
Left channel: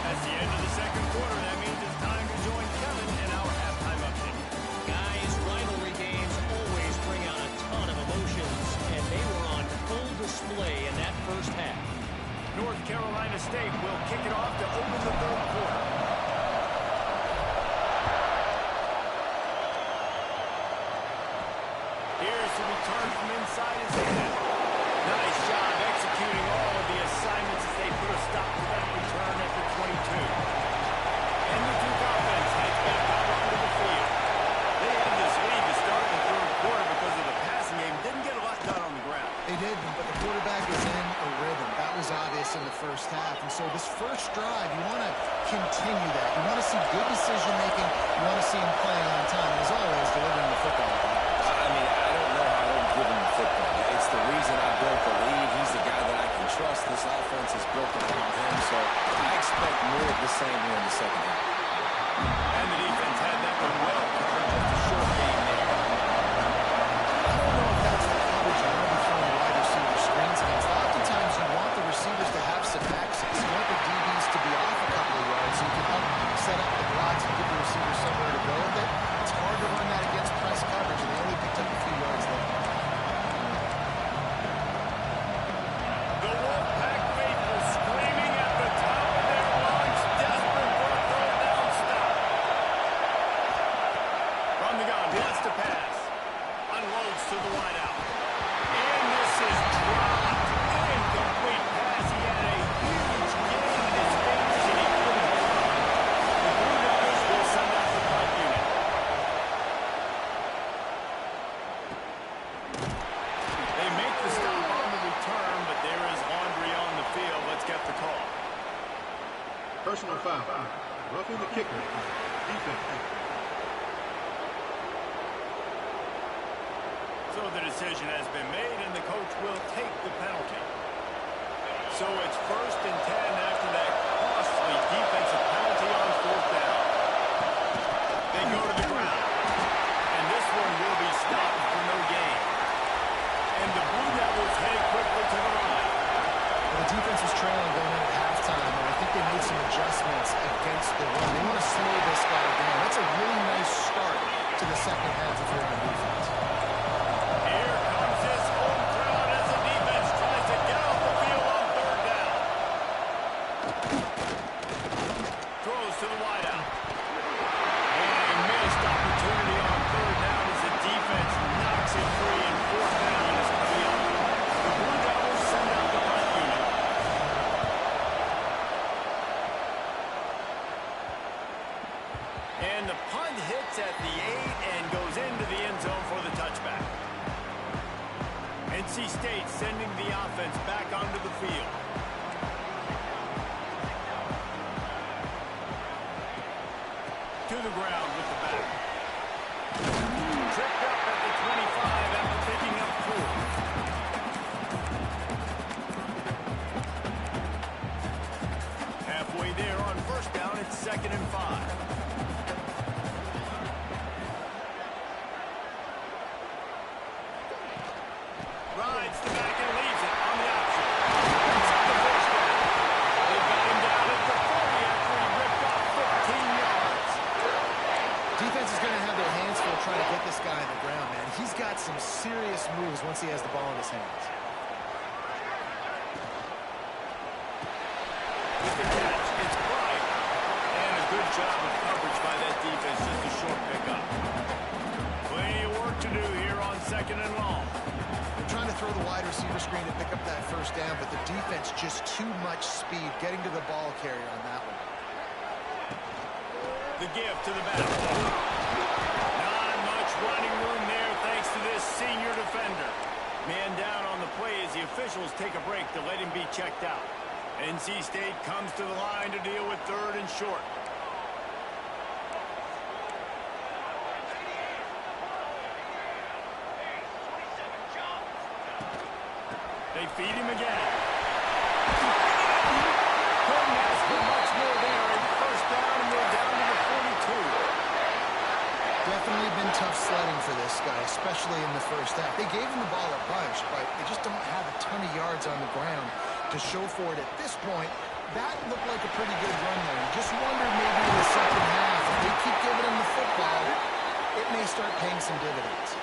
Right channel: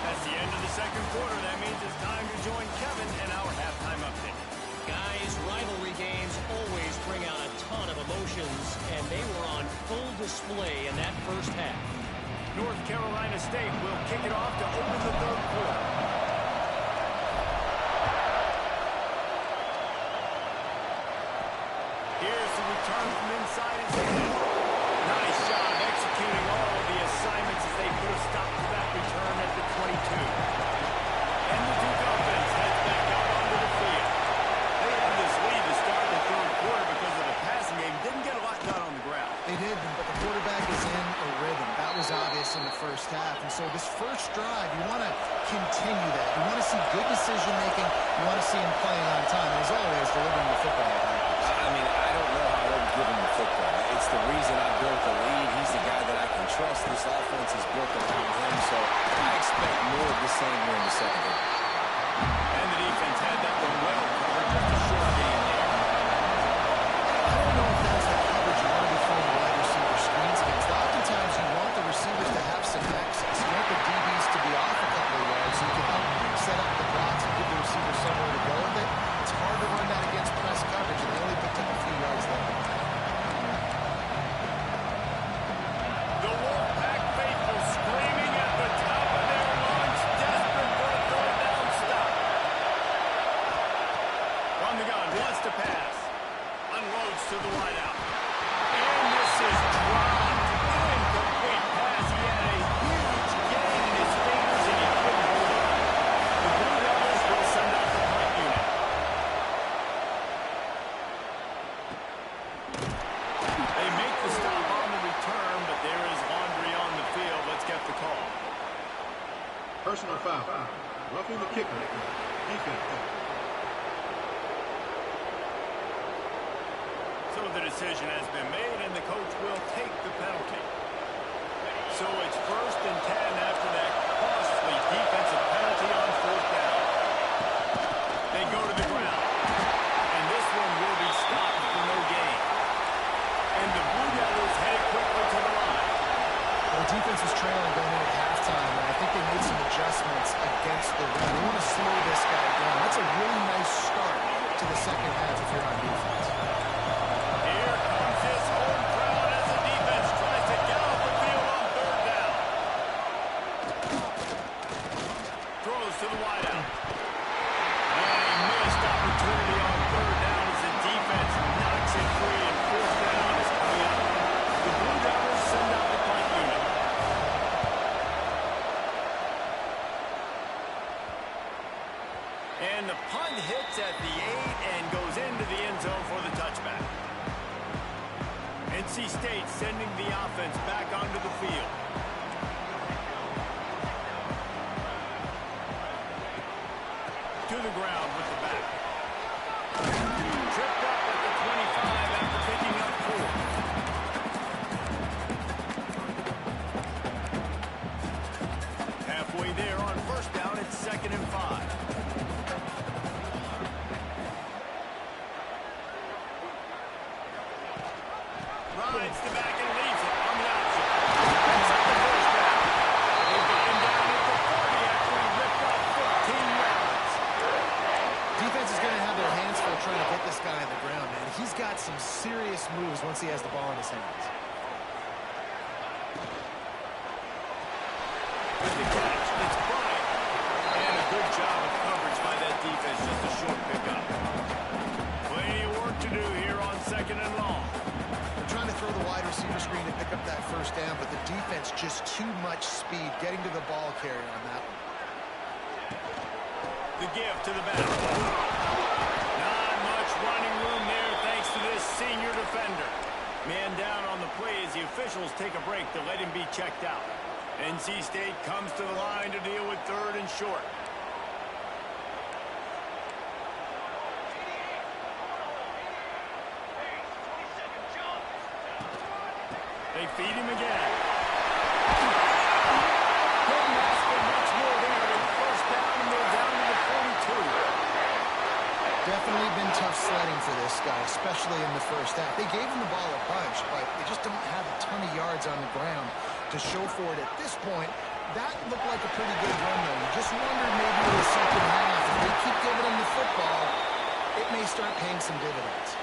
That's the end of the second quarter. That means it's time to join Kevin in our halftime update. Guys, rivalry games always bring out a ton of emotions, and they were on full display in that first half. North Carolina State will kick it off to open the third quarter. Here's the return from inside his head. Nice job executing all of the assignments as they put a stop to that return at the 22. And the Duke offense heads back out onto the field. They had this lead to start the third quarter because of the passing game. Didn't get a lot done on the ground. They did, but the quarterback is in a rhythm. That was obvious in the first half. And so this first drive, you want to continue that. You want to see good decision-making. You want to see him playing on time. And as always, delivering the football. I mean, I don't know how I don't give him the football. It's the reason I built the lead. He's the guy that I can trust. This offense is built around him. So I expect more of the same here in the second half. And the defense had that one well covered. Just a short game there. I don't know if that's the coverage you want to be throwing wide receiver screens against. Oftentimes, you want the receivers to have some access. You want the DBs to be off a couple of yards so you can help set up the blocks and give the receiver somewhere to go with it. It's hard to run that against press coverage, and they only picked up a few yards there. The Wolfpack faithful screaming at the top of their lungs, desperate for a third down stop. From the gun, wants to pass. Unloads to the wideout. And this is dropped. Incomplete pass. He had a huge gain in his fingers, and he couldn't hold on. The Blue Devils will send out the punt unit. They make the stop on the return, but there is laundry on the field. Let's get the call. Personal foul. Roughing the kicker. Defense. So the decision has been made, and the coach will take the penalty. So it's 1st and 10 after that costly defensive penalty on 4th down. They go to the ground, and this one will be stopped for no gain. And the Blue Devils head quickly to the line. Well, the defense was trailing going in at halftime, and I think they made some adjustments against the run. They want to slow this guy down. That's a really nice start to the second half if you're on defense. Here comes this home crowd as the defense tries to get off the field on 3rd down. Throws to the wideout. And a missed opportunity on 3rd down as the defense knocks it free, and 4th down is coming up. The Blue Devils send out the punt unit. And the punt hits at the 8 and goes into the end zone for the touchback. NC State sending the offense back onto the field. To the ground with the back. Tripped up at the 25 after picking up 4. Halfway there on 1st down, it's 2nd and 5. Rides the back and leaves it on the option. Picks up the 1st down. They've got him down at the 40 after he ripped off 15 yards. Defense is going to have their hands full trying to get this guy on the ground, man. He's got some serious moves once he has the ball in his hands. With the catch, it's Bryant. And a good job of coverage by that defense, just a short pickup. Plenty of work to do here on 2nd and long. They're trying to throw the wide receiver screen to pick up that 1st down, but the defense just too much speed getting to the ball carrier on that one. The give to the back. Not much running room there thanks to this senior defender. Man down on the play as the officials take a break to let him be checked out. NC State comes to the line to deal with 3rd and short. They feed him again. Couldn't ask for much more there. A 1st down, and they're down to the 42. Definitely been tough sledding for this guy, especially in the first half. They gave him the ball a bunch, but they just don't have a ton of yards on the ground to show for it at this point. That looked like a pretty good run, though. You just wonder maybe in the second half, if they keep giving him the football, it may start paying some dividends.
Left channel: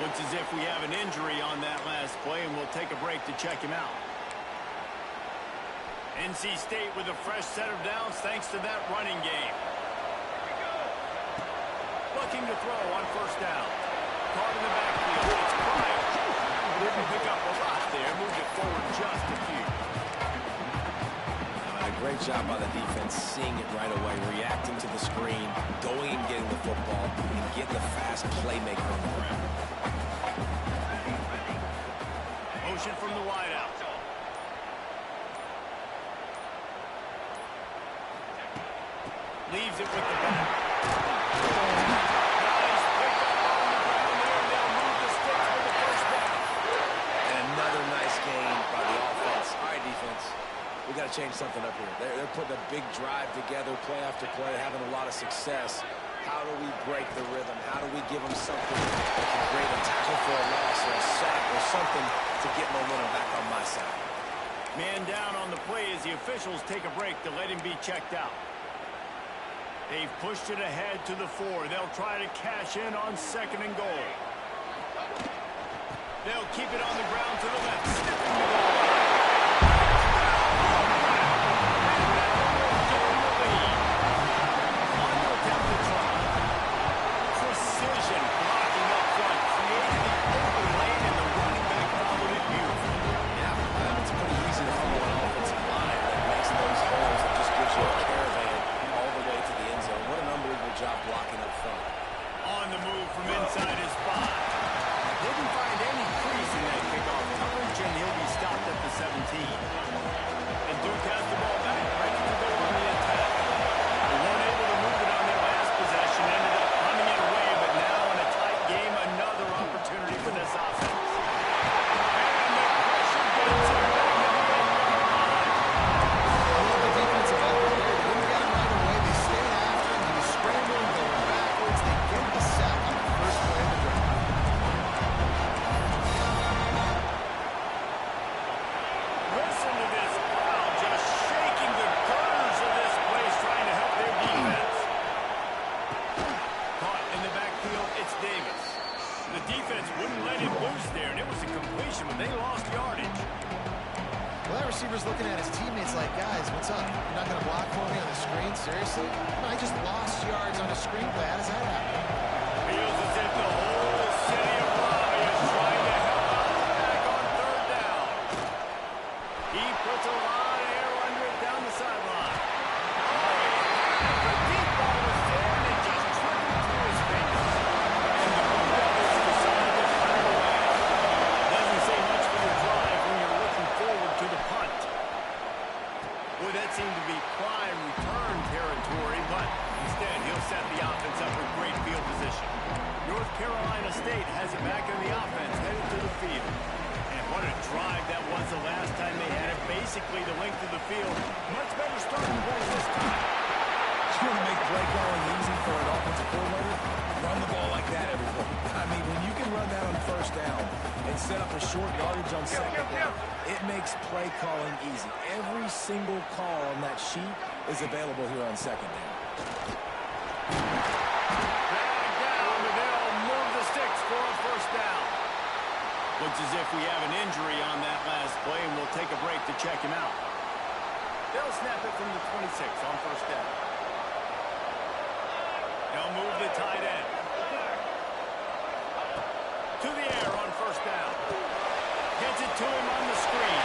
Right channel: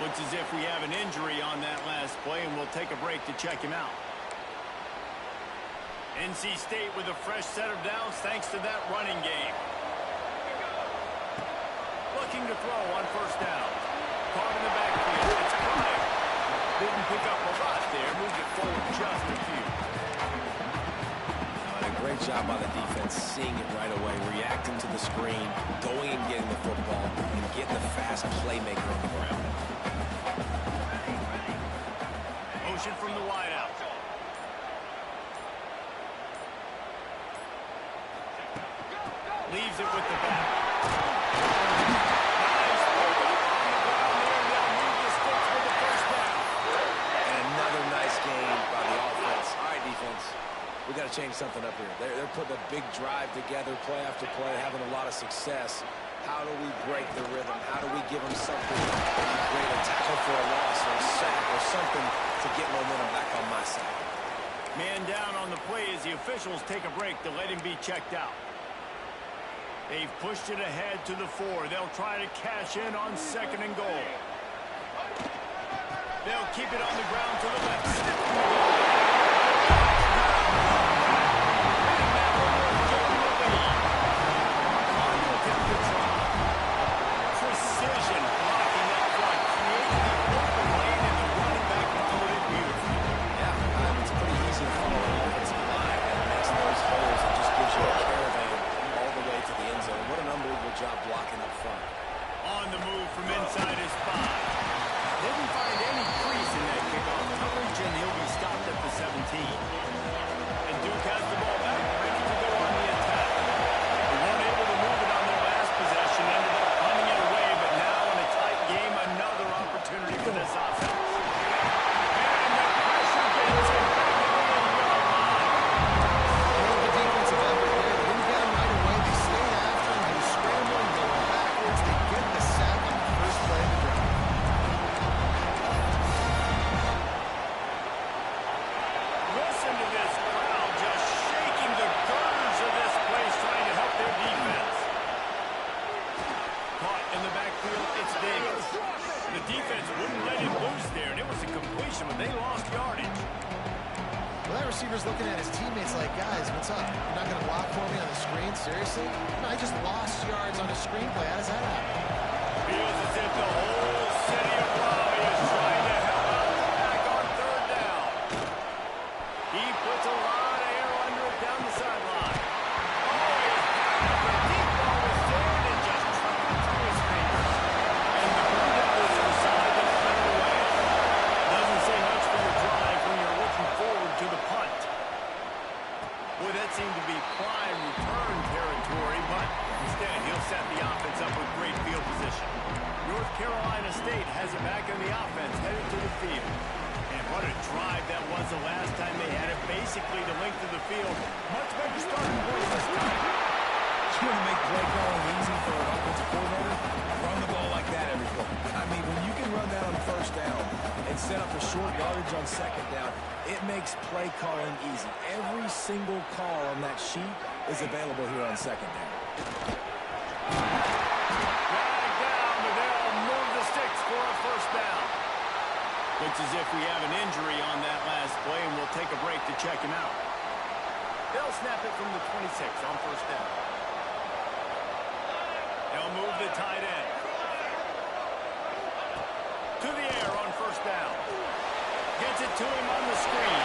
Looks as if we have an injury on that last play, and we'll take a break to check him out. NC State with a fresh set of downs thanks to that running game. Looking to throw on 1st down. Caught in the backfield. It's Bryant. Didn't pick up a lot there. Moved it forward just a few. A great job by the defense, seeing it right away, reacting to the screen, going and getting the football, and getting the fast playmaker on the ground. substitution from the wideout. Leaves it with the back. Nice pickup on the ground there, and they'll move the sticks for the first down. And another nice gain by the offense. All right, defense. We got to change something up here. They're putting a big drive together, play after play, having a lot of success. How do we break the rhythm? How do we give them something that can create a tackle for a loss or a sack or something to get momentum back on my side? Man down on the play as the officials take a break to let him be checked out. They've pushed it ahead to the 4. They'll try to cash in on 2nd and goal. They'll keep it on the ground to the left. Sniffing the goal. And that one will give them the lead. On to attempt to try. Precision blocking up front. Created the open lane, and the running back followed it beautifully. Yeah, it's pretty easy to follow an offensive line that makes those holes and just gives you a caravan all the way to the end zone. What an unbelievable job blocking up front. On the move from inside his 5. Didn't find any crease in that kickoff coverage, and he'll be stopped at the 17. And Duke has the ball back, ready to go on the attack. They weren't able to move it on their last possession, ended up punting it away, but now in a tight game, another opportunity for this offense. And the pressure gets him back to the 8-yard line. I love the defensive effort there. They didn't get him right away. They stayed after him. He was scrambling, going backwards. They get the sack on the first play of the drive. Listen to this crowd just shaking the girders of this place, trying to help their defense. Caught in the backfield, it's Davis. The defense wouldn't let him loose there, and it was a completion, but they lost yardage. Well, that receiver's looking at his teammates like, guys, what's up? You're not going to block for me on the screen? Seriously? No, I just lost yards on a screenplay. How does that happen? Feels as if the whole city of Raleigh is trying to help out the pack on 3rd down. He puts a lot of air under it down the sideline. Oh, he had it. The deep ball was there, and it just trickled through his fingers. And the Blue Devils decide to punt it away. Doesn't say much for your drive when you're looking forward to the punt. Boy, that seemed to be prime return territory, but instead he'll set the offense up with great field position. North Carolina State has it back in the offense, headed to the field. And what a drive that was the last time they had it, basically the length of the field. Much better starting point this time. You want to make play calling easy for an offensive coordinator? Run the ball like that every play. I mean, when you can run that on 1st down and set up a short yardage on 2nd down, it makes play calling easy. Every single call on that sheet is available here on 2nd down. Drag down, but they'll move the sticks for a 1st down. Looks as if we have an injury on that last play, and we'll take a break to check him out. They'll snap it from the 26 on 1st down. They'll move the tight end. To the air on 1st down. Gets it to him on the screen.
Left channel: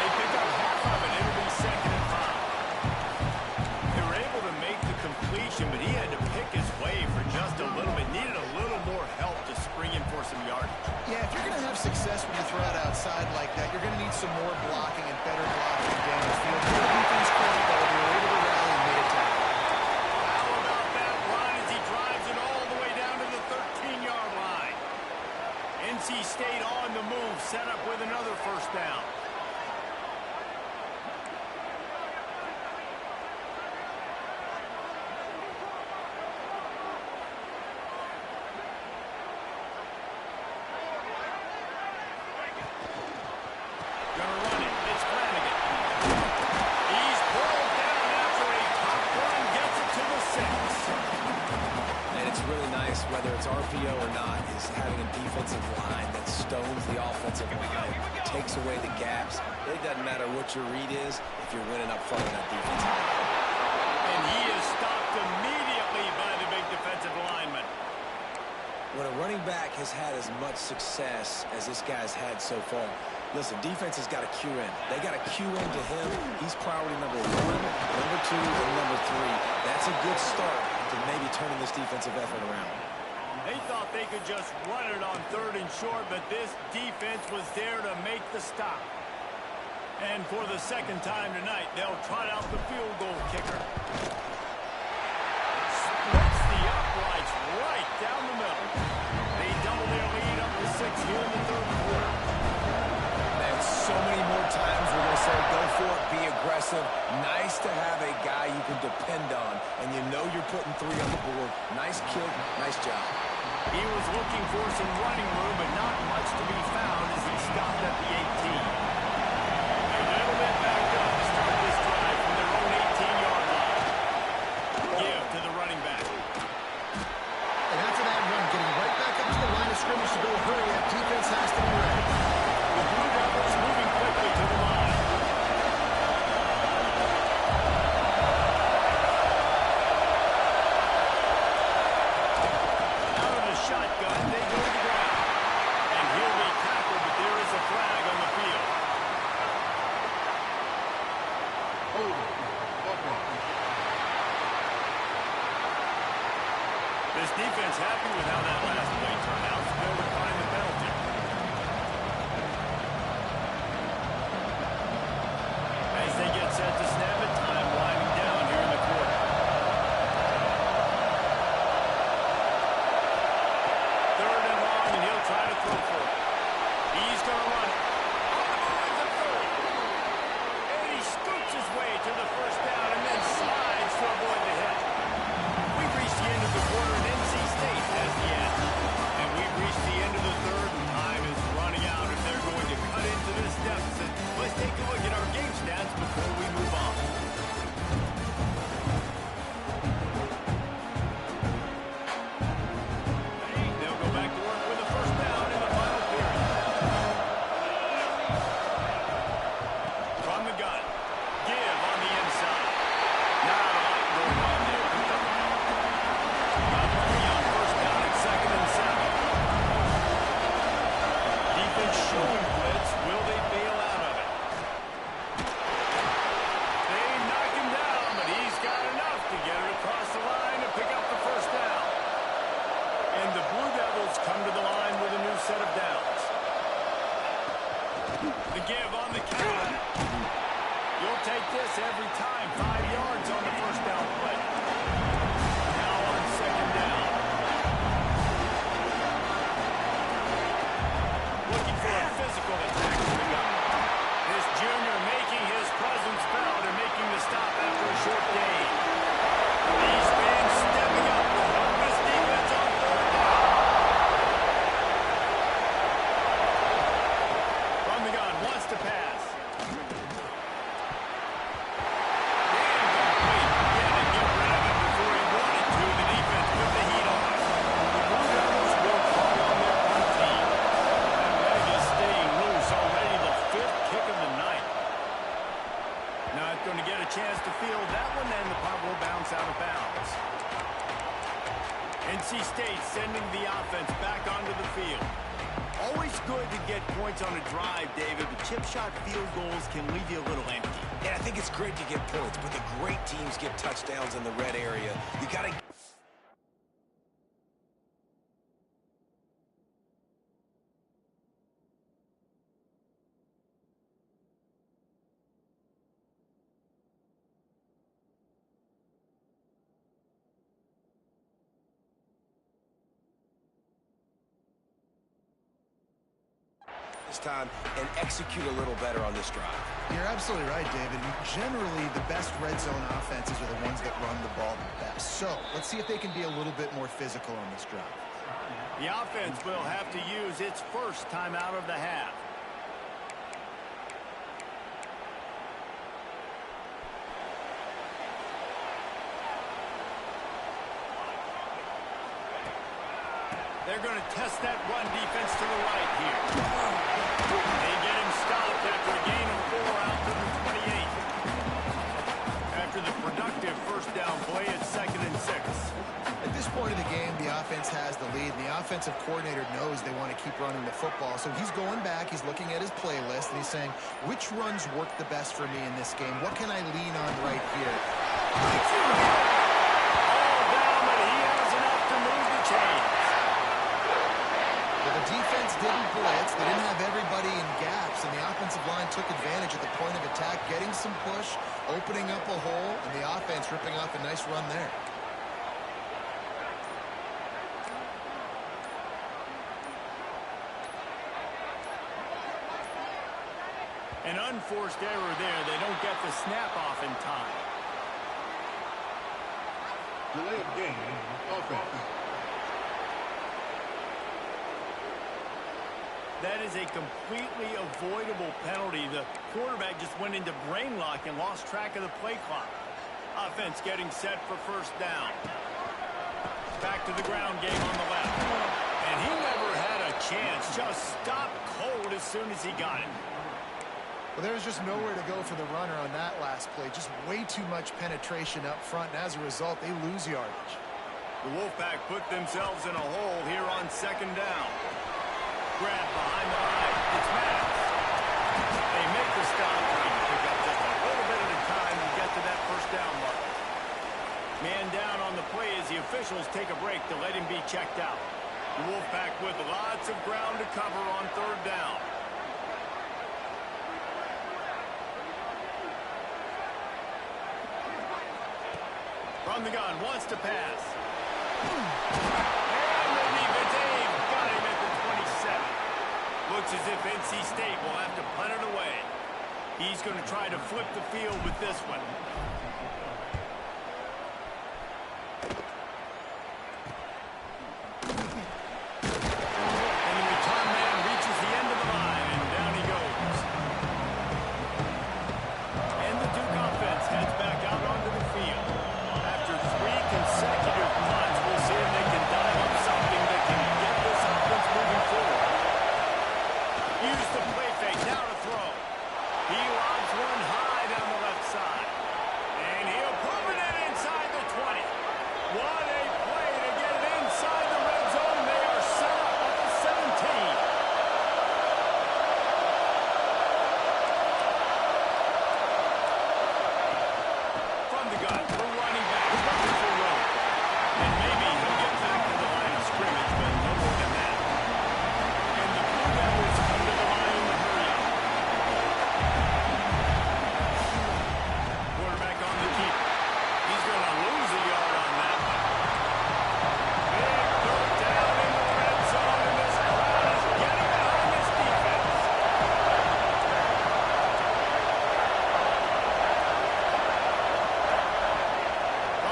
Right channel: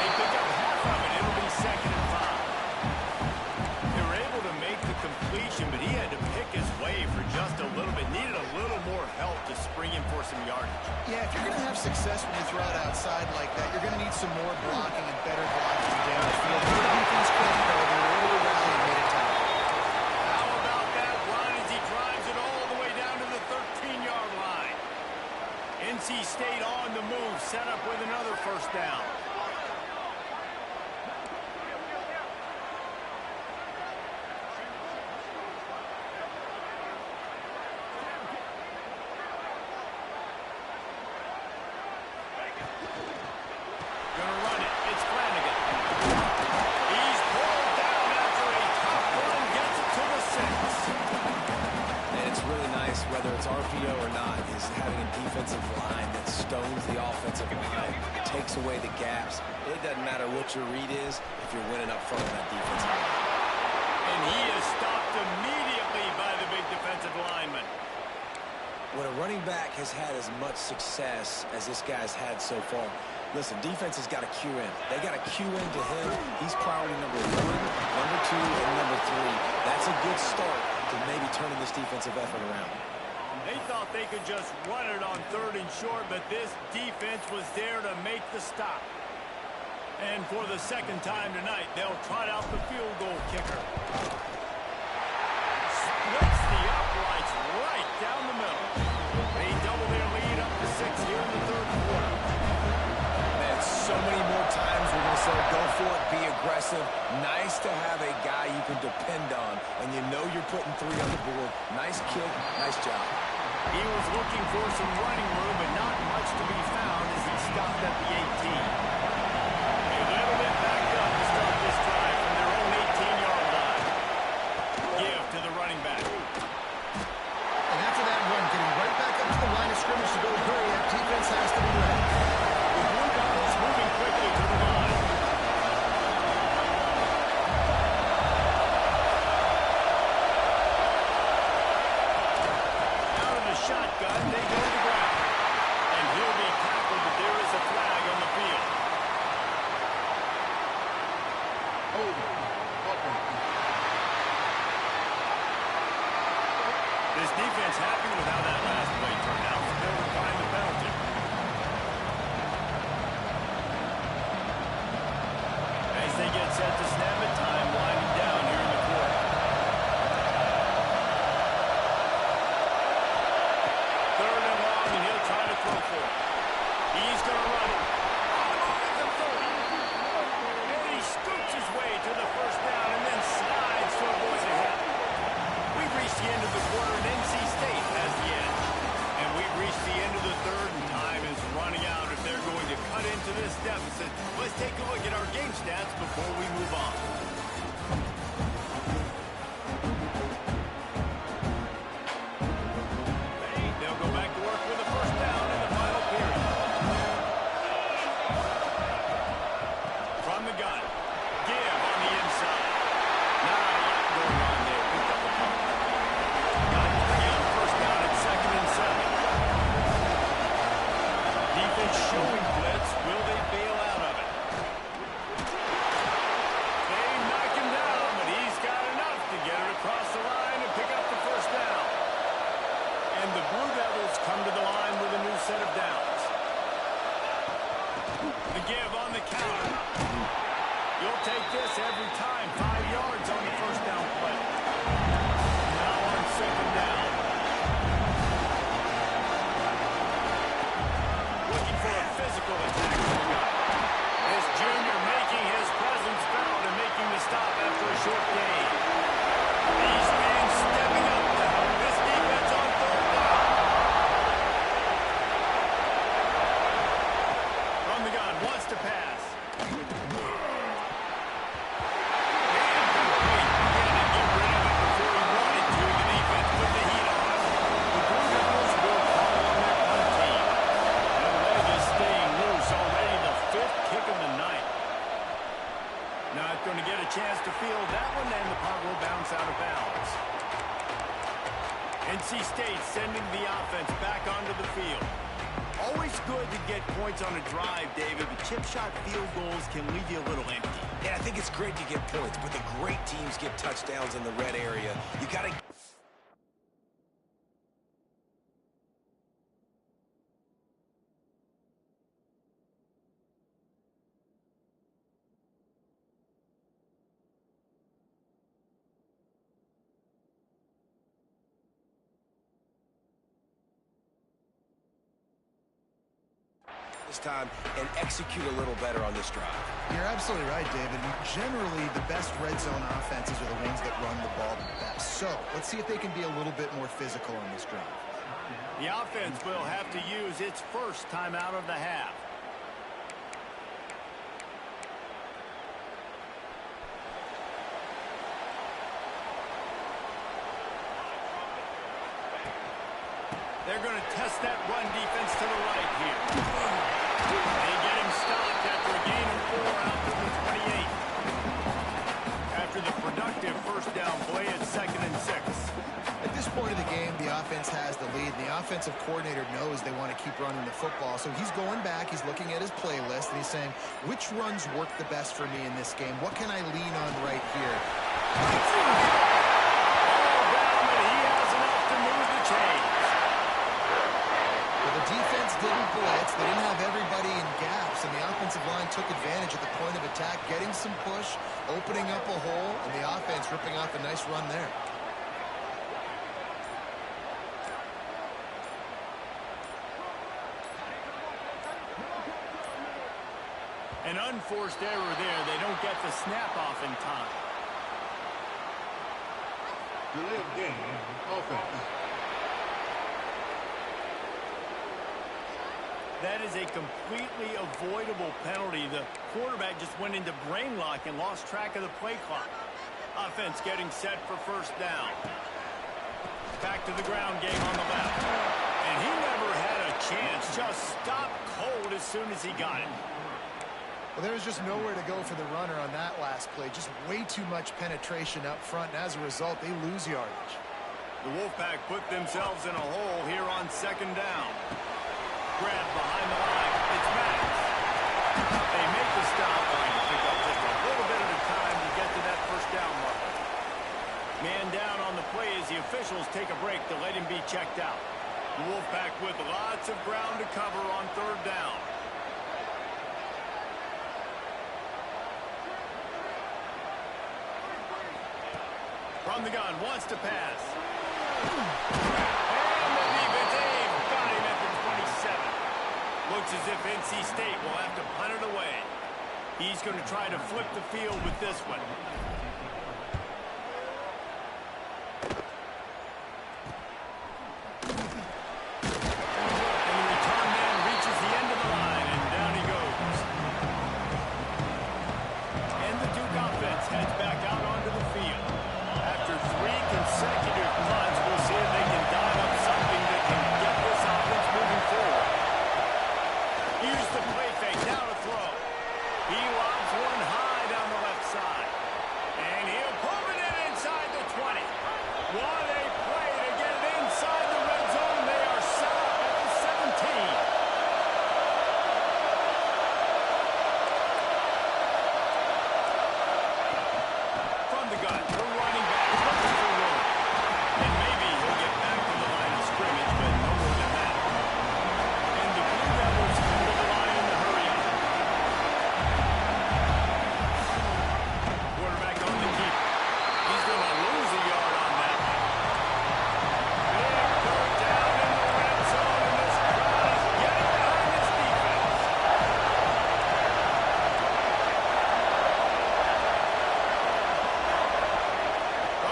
They pick up half of it. It'll be 2nd and 5. They were able to make the completion, but he had to pick his way for just a little bit. Needed a little more help to spring him for some yardage. Yeah, if you're going to have success when you throw it outside like that, you're going to need some more blocking and better blocking down the field. For the defense credit, though, they were able to rally and made a tackle. How about that run as he drives it all the way down to the 13-yard line? NC State on the move, set up with another 1st down. Gonna run it. It's Flanagan. He's pulled down after a tough run, gets it to the 6. And it's really nice, whether it's RPO or not, is having a defensive line that stones the offensive line, takes away the gaps. It doesn't matter what your read is if you're winning up front on that defensive line. And he is stopped immediately by the big defensive lineman. When a running back has had as much success as this guy's had so far, listen, defense has got to cue in. They got to cue in to him. He's priority number 1, number 2, and number 3. That's a good start to maybe turning this defensive effort around. They thought they could just run it on 3rd and short, but this defense was there to make the stop. And for the second time tonight, they'll trot out the field goal kicker. Splits the uprights right down the middle. They double their lead up to 6 here in the 3rd quarter. Man, so many more times we're going to say, go for it, be aggressive. Nice to have a guy you can depend on, and you know you're putting 3 on the board. Nice kick, nice job. He was looking for some running room, but not much to be found as he stopped at the 18. A little bit backed up to start this drive from their own 18-yard line. Give to the running back. And after that run, getting right back up to the line of scrimmage to go hurry up, defense has to be ready. The Blue Devils moving quickly to the line. Out of the shotgun, they go to the ground. And he'll be tackled, but there is a flag on the field. Holding. Buckle. This defense happy with how that last play turned out, so they'll decline the penalty. As they get set to snap it, time winding down here in the quarter. Third and long, and he'll try to throw for it. He's going to run it. On the move at the 30. And he scoots his way to the first down and then slides to avoid the hit. We've reached the end of the quarter, and NC State has the edge. And we've reached the end of the 3rd, and time is running out if they're going to cut into this deficit. Let's take a look at our game stats before we move on. They'll go back to work with a first down in the final period. From the gun. Give on the inside. Not a lot going on there. Picked up a couple. Got 3 on first down at 2nd and 7. Defense showing blitz. Will they bail out of it? They knock him down, but he's got enough to get it across the line and pick up the first down. And the Blue Devils come to the line with a new set of downs. The give on the counter. You'll take this every time. 5 yards on the first down play. Now on 2nd down. Looking for a physical attack to the gun. This junior making his presence felt and making the stop after a short gain. These fans stepping up to help this defense on 3rd down. From the gun, wants to pass. Not going to get a chance to field that one, and the punt will bounce out of bounds. NC State sending the offense back onto the field. Always good to get points on a drive, David, but chip shot field goals can leave you a little empty. Yeah, I think it's great to get points, but the great teams get touchdowns in the red area. You got to... this time and execute a little better on this drive. You're absolutely right, David. Generally, the best red zone offenses are the ones that run the ball the best. So let's see if they can be a little bit more physical on this drive. The offense will have to use its first timeout of the half. They're going to test that run defense to the right here. They get him stopped after a gain of 4 out to the 28. After the productive first down play at 2nd and 6. At this point of the game, the offense has the lead, and the offensive coordinator knows they want to keep running the football. So he's going back, he's looking at his playlist, and he's saying, which runs work the best for me in this game? What can I lean on right here? All down, but he has enough to move the chains. The defense didn't blitz. They didn't have everybody in gaps, and the offensive line took advantage at the point of attack, getting some push, opening up a hole, and the offense ripping off a nice run there. An unforced error there. They don't get the snap off in time. Delay of game, offense. That is a completely avoidable penalty. The quarterback just went into brain lock and lost track of the play clock. Offense getting set for first down. Back to the ground game on the left. And he never had a chance. Just stopped cold as soon as he got it. Well, there was just nowhere to go for the runner on that last play. Just way too much penetration up front, and as a result, they lose yardage. The Wolfpack put themselves in a hole here on second down. Grab behind the line. It's Max. They make the stop, trying to pick up just a little bit at a time to get to that first down marker. Man down on the play as the officials take a break to let him be checked out. The Wolfpack with lots of ground to cover on third down. From the gun, wants to pass. And the defense aim got him at the 27. Looks as if NC State will have to punt it away. He's going to try to flip the field with this one. And the return man reaches the end of the line, and down he goes. And the Duke offense heads back out onto the field. After 3 consecutive punts, we'll see if they can dial up something that can get this offense moving forward. Use the play fake, now to throw. He lobs one high down the left side. And he'll put it in inside the 20. What a play to get it inside the red zone, and they are set up at the 17. The gun, the running back looking for room. And maybe he'll get back to the line of scrimmage, but no more than that. And the Blue Devils come to the line in the hurry up. Quarterback on the keeper. He's going to lose a yard on that one. Big third down in the red zone, and this crowd is getting behind this defense.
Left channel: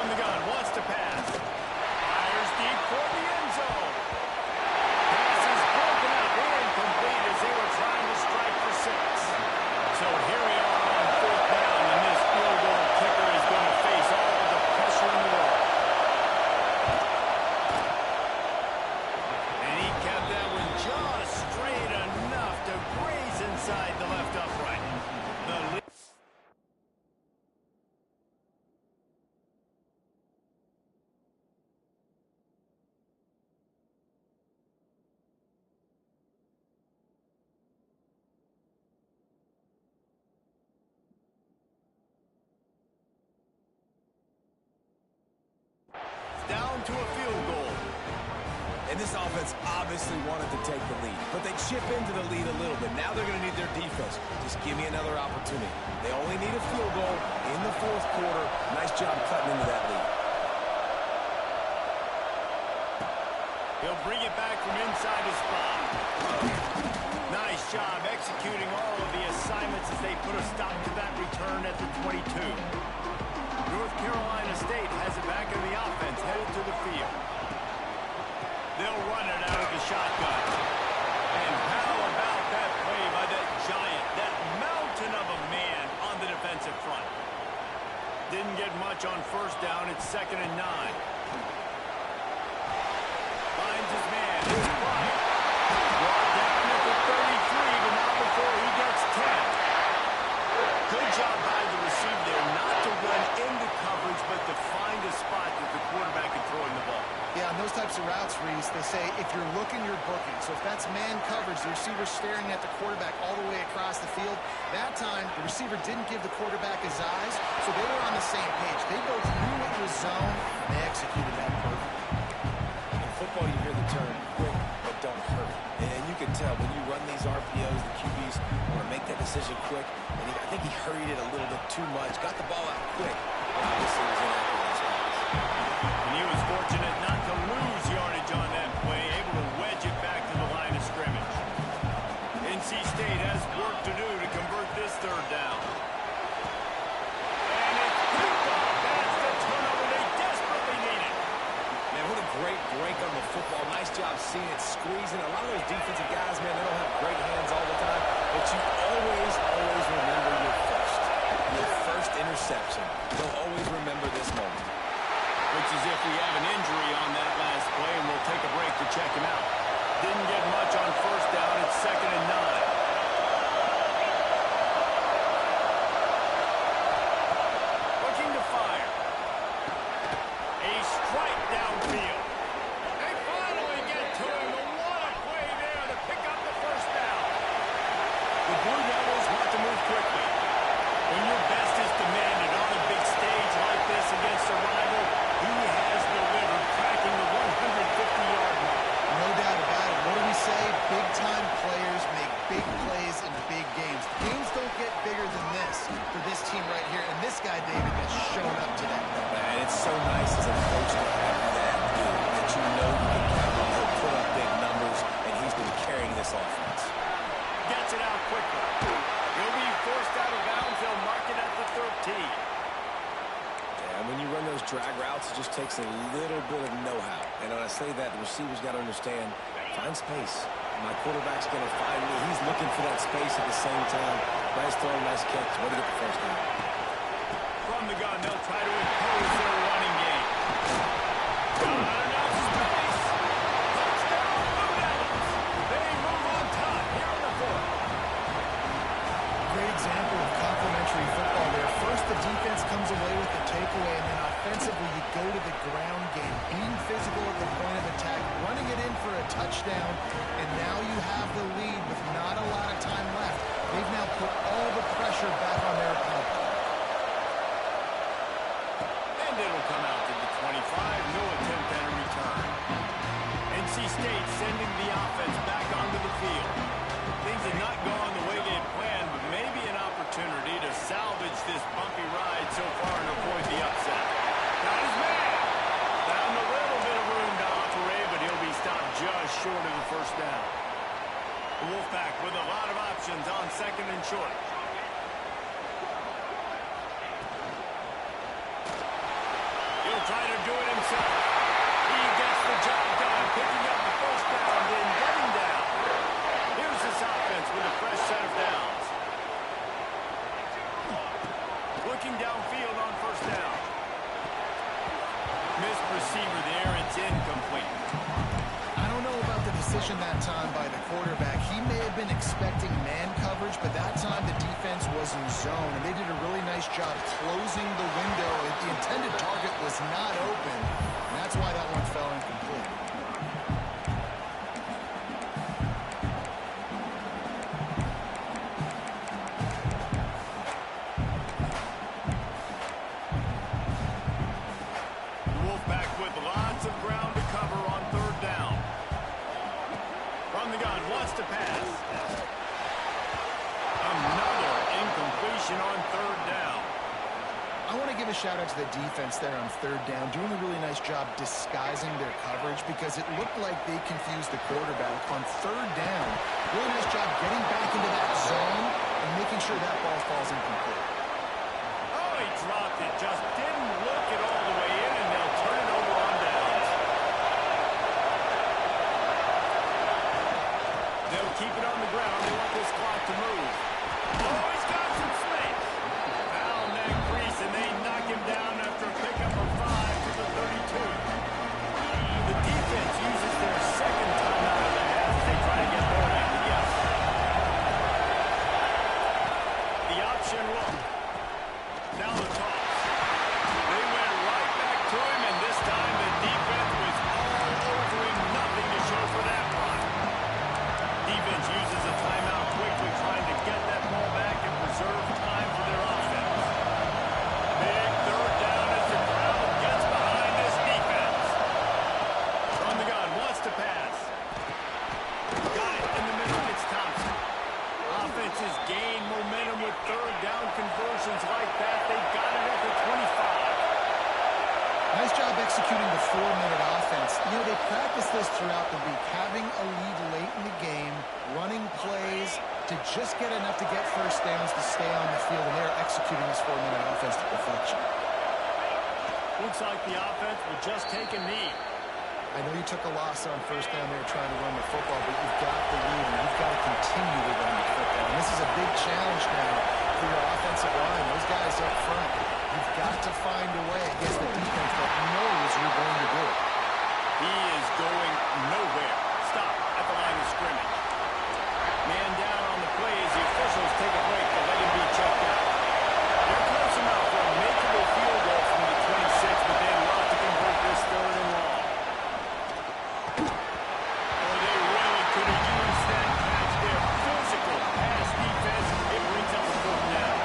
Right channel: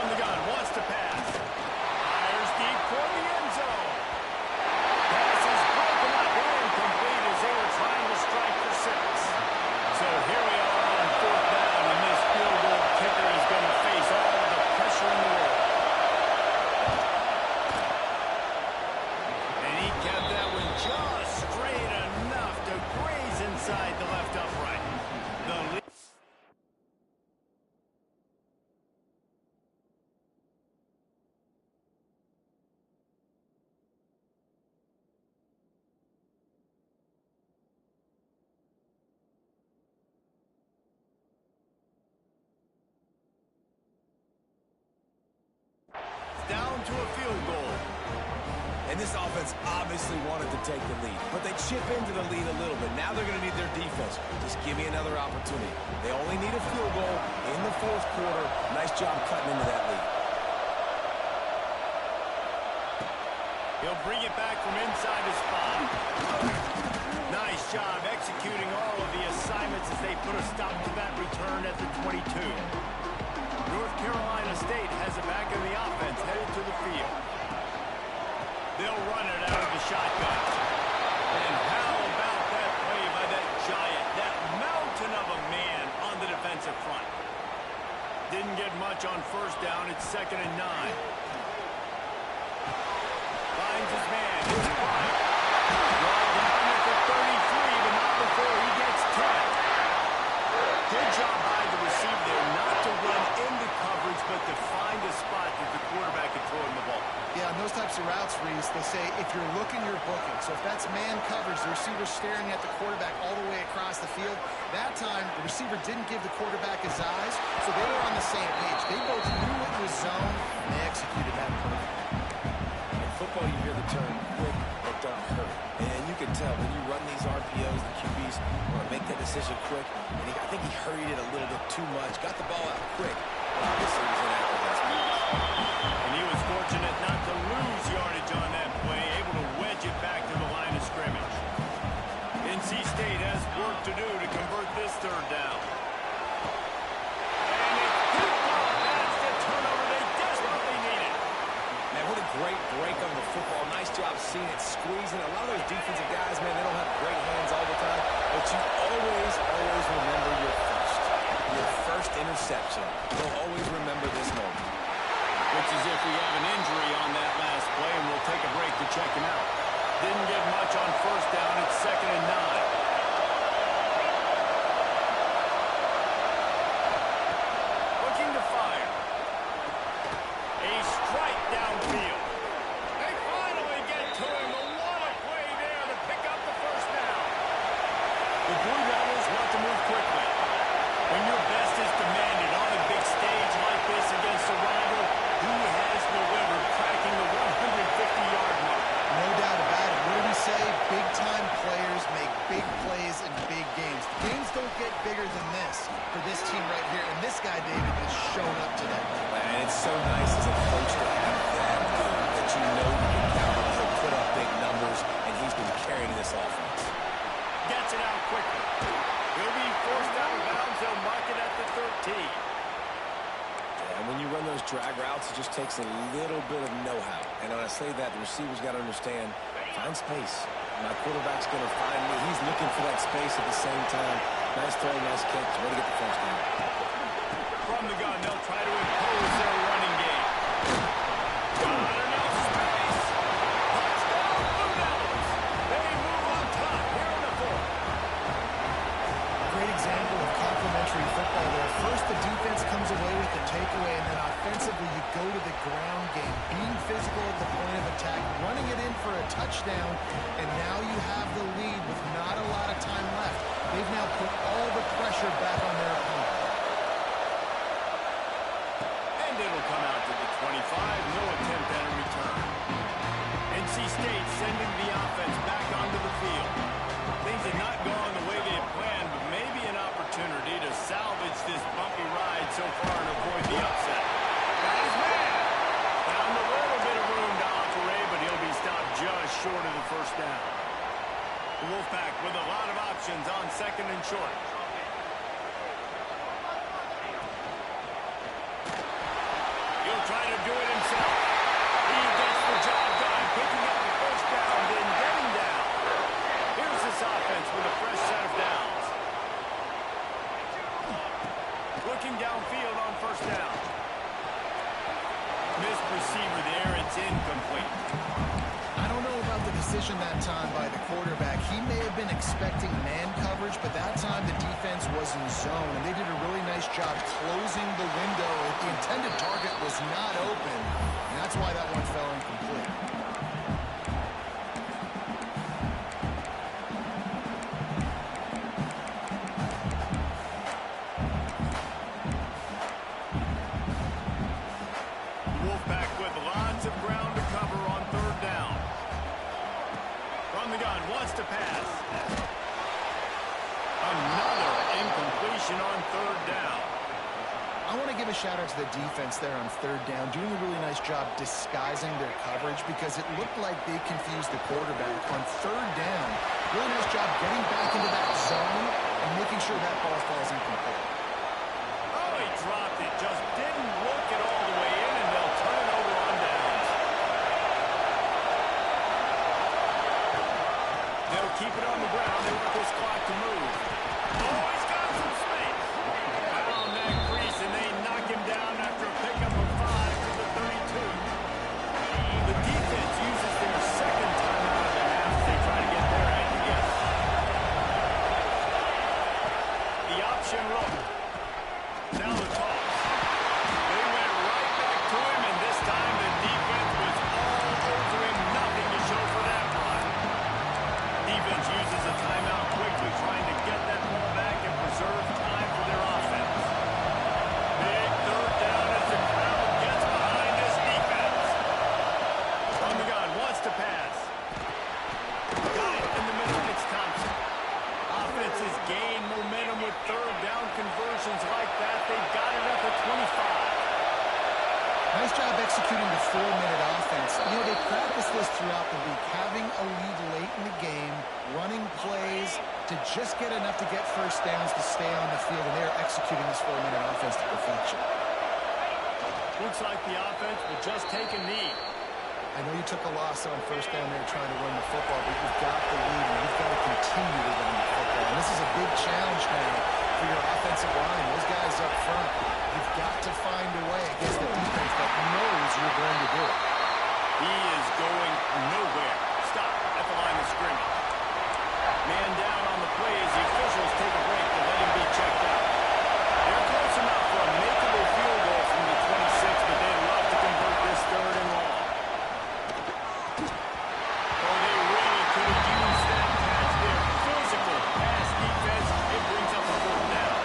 The gun wants to pass. Fires deep toward the end zone. Pass is broken up, incomplete as they were trying to strike for 6. So here we are on fourth down, and this field goal kicker is going to face all of the pressure in the world. And he kept that one just straight enough to graze inside the left upright. The lead. Down to a field goal. And this offense obviously wanted to take the lead, but they chip into the lead a little bit. Now they're going to need their defense. Just give me another opportunity. They only need a field goal in the fourth quarter. Nice job cutting into that lead. He'll bring it back from inside his spot. Nice job executing all of the assignments as they put a stop to that return at the 22. North Carolina State has it back in the offense, headed to the field. They'll run it out of the shotgun. And how about that play by that giant, that mountain of a man on the defensive front? Didn't get much on first down. It's 2nd and 9. Finds his man. It's Bryant. Brought down at the 33, but not before he gets 10. Good job by the receiver there, not to run into coverage, but to find a spot that the quarterback can throw him the ball. Yeah, on those types of routes, Reese, they say if you're looking, you're booking. So if that's man coverage, the receiver's staring at the quarterback all the way across the field. That time, the receiver didn't give the quarterback his eyes, so they were on the same page. They both knew it was zone, and they executed that perfectly. In football, you hear the term quick but don't hurry. And you can tell when you run these RPOs, the QBs want to make that decision quick. And I think he hurried it a little bit too much. Got the ball out quick, but obviously was inaccurate on his pass. And he was fortunate not to lose yardage on that play, able to wedge it back to the line of scrimmage. NC State has work to do to convert this third down. And it's picked off. That's the turnover they desperately needed. Man, what a great break on the football. Nice job seeing it, squeezing. A lot of those defensive guys, man, they don't have great hands all the time, but you always remember your first interception. You'll always remember this moment. Looks as if we have an injury on that last play, and we'll take a break to check him out. Didn't get much on first down. It's 2nd and 9. Looking to fire. A strike downfield. They finally get to him. And what a play there to pick up the first down. The Blue Devils want to move quickly. When your best is demanded on a big stage like this against a rival, he has delivered, cracking the 150-yard mark. No doubt about it. What do we say? Big-time players make big plays in big games. Games don't get bigger than this for this team right here. And this guy, David, has shown up today. Man, it's so nice as a coach to have that dude that you know you can count on. He'll put up big numbers, and he's been carrying this offense. Gets it out quickly. He'll be forced out of bounds. They'll mark it at the 13. And when you run those drag routes, it just takes a little bit of know-how. And when I say that, the receiver's got to understand, find space. My quarterback's going to find me. He's looking for that space at the same time. Nice throw, nice catch. Way to get the first down. From the gun, they'll try to impose their running game. Got enough space. Touchdown, Blue Devils. They move on top here in the 4th. Great example of complementary football there. First, the defense comes away with the takeaway, and then offensively, you go to the ground game, being physical at the point of attack, running it in for a touchdown, and now you have the lead with not a lot of time left. They've now put all the pressure back on their opponent. And it'll come out to the 25. No attempt at a return. NC State sending the offense back onto the field. Things have not gone the way they had planned, but maybe an opportunity to salvage this bumpy ride so far and avoid the upset. Got his man. Found a little bit of room to operate, but he'll be stopped just short of the first down. The Wolfpack with a lot of options on 2nd and short. He'll try to do it himself. He gets the job done, picking up the first down, then getting down. Here's this offense with a fresh set of downs. Looking downfield on first down. Missed receiver there. It's incomplete. I don't know about the decision that time by the quarterback. He may have been expecting man coverage, but that time the defense was in zone, and they did a really nice job closing the window. The intended target was not open, and that's why that one fell incomplete. Of ground to cover on 3rd down. From the gun, wants to pass. Another incompletion on 3rd down. I want to give a shout out to the defense there on 3rd down, doing a really nice job disguising their coverage because it looked like they confused the quarterback on 3rd down. Really nice job getting back into that zone and making sure that ball falls incomplete. Oh, he dropped it. Just didn't look it all the way in, and they'll turn it over on downs. They'll keep it on the ground. They want this clock to move. Oh, he's got some space. Found that crease, and they knock him down after a pickup of 5 to the 32. The defense uses their 2nd timeout of the half as they try to get their act together. The option look. Now the toss. They went right back to him, and this time the defense was all over him. Nothing to show for that run. Defense uses a timeout quickly, trying to get that ball back and preserve time for their offense. Big 3rd down as the crowd gets behind this defense. From the gun, wants to pass. Nice job executing the 4-minute offense. You know, they practice this throughout the week, having a lead late in the game, running plays to just get enough to get first downs to stay on the field, and they're executing this 4-minute offense to perfection. Looks like the offense will just take a knee. I know you took a loss on first down there trying to run the football, but you've got the lead, and you've got to continue to run the football. And this is a big challenge now for your offensive line. Those guys up front, you've got to find a way against the defense that knows you're going to do it. He is going nowhere. Stop at the line of scrimmage. Man down on the play as the officials take a break to let him be checked out. They're close enough for a makeable field goal from the 26, but they'd love to convert this 3rd and long. Oh, they really could have used that catch there. Physical pass defense. It brings up a 4th down.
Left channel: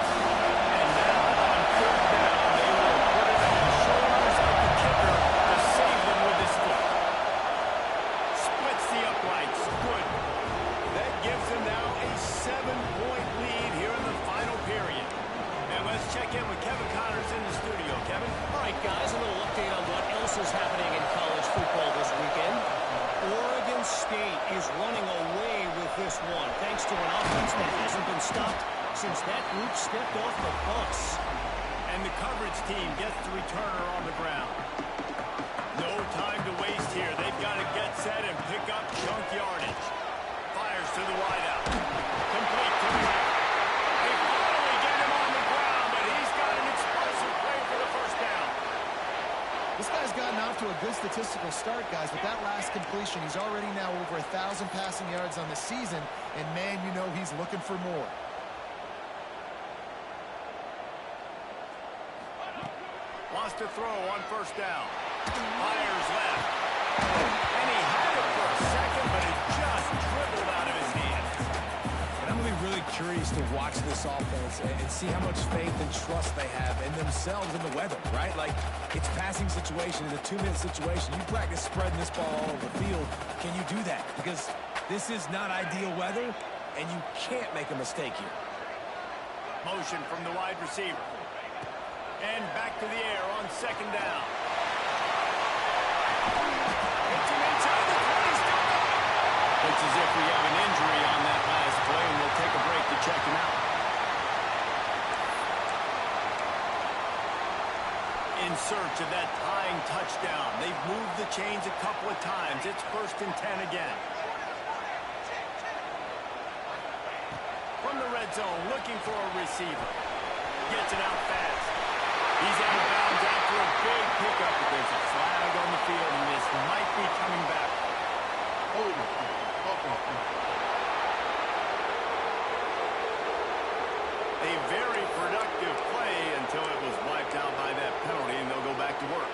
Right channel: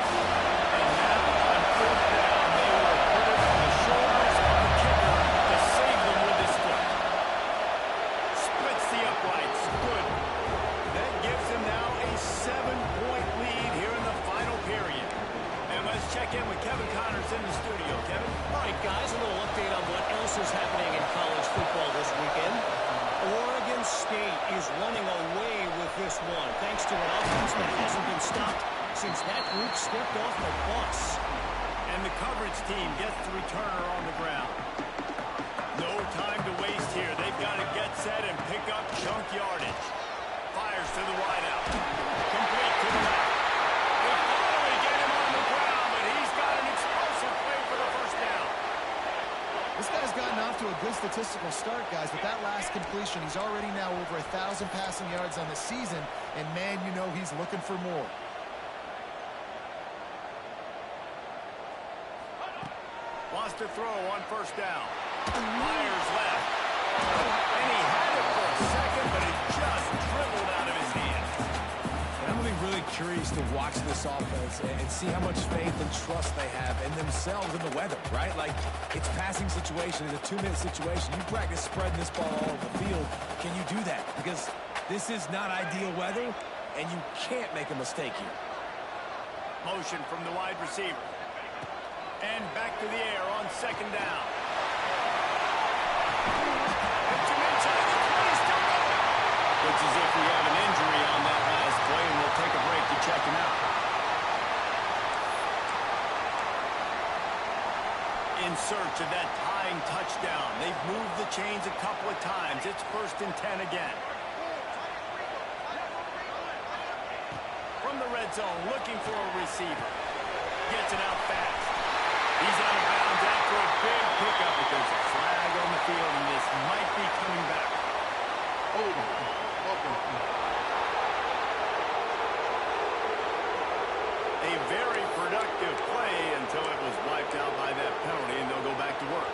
And now on 4th down, they will put it on the shoulders of the kicker to save them with his foot. Splits the uprights. Good. That gives them now a 7-point lead here in the final period. And let's check in with Kevin Connors in the studio. Kevin? All right, guys, a little update on what else is happening in college football this weekend. Oregon State is running away with this one, thanks to an offense that hasn't been stopped since that group stepped off the bus. And the coverage team gets the returner on the ground. No time to waste here. They've got to get set and pick up chunk yardage. Fires to the wideout. Complete to the left. They finally get him on the ground, but he's got an explosive play for the 1st down. This guy's gotten off to a good statistical start, guys, but that last completion, he's already now over 1,000 passing yards on the season, and man, you know he's looking for more. Wants to throw on 1st down. Fires left. And he had it for a second, but it just dribbled out of his hands. And I'm going to be really curious to watch this offense and see how much faith and trust they have in themselves and the weather, right? Like, it's passing situation, it's a 2-minute situation. You practice spreading this ball all over the field. Can you do that? Because this is not ideal weather, and you can't make a mistake here. Motion from the wide receiver. And back to the air on 2nd down. Hits him inside the 20, still going. Looks as if we have an injury on that last play, and we'll take a break to check him out. In search of that tying touchdown. They've moved the chains a couple of times. It's 1st and 10 again. From the red zone, looking for a receiver. Gets it out fast. He's out of bounds after a big pickup, but there's a flag on the field, and this might be coming back. A very productive play until it was wiped out by that penalty, and they'll go back to work.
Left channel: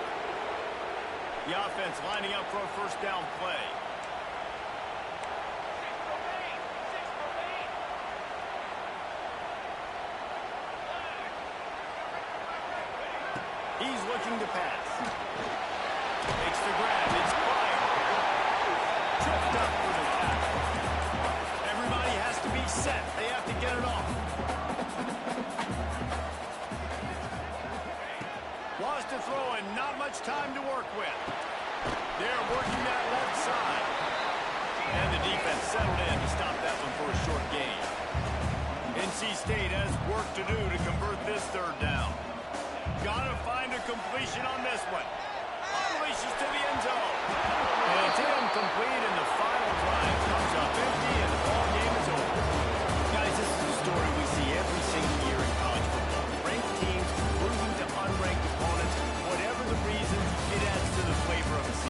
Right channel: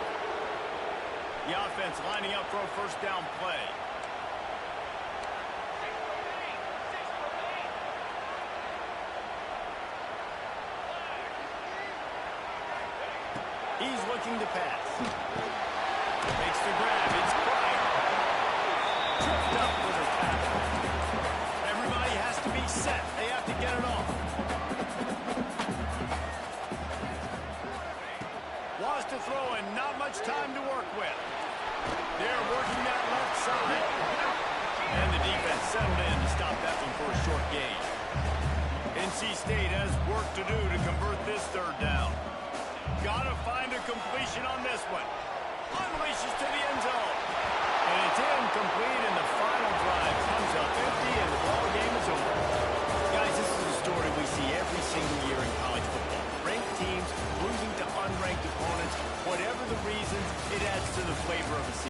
The offense lining up for a 1st down play. He's looking to pass. Makes the grab. It's Pryor. Tripped up for the tackle. Everybody has to be set. They have to get it off. Wants to throw and not much time to work with. They're working that left side. And the defense settled in to stop that one for a short gain. NC State has work to do to convert this 3rd down. Gotta find a completion on this one. Unleashes to the end zone. And it's incomplete, and the final drive comes up empty, and the ball game is over. Guys, this is a story we see every single year in college football. Ranked teams losing to unranked opponents. What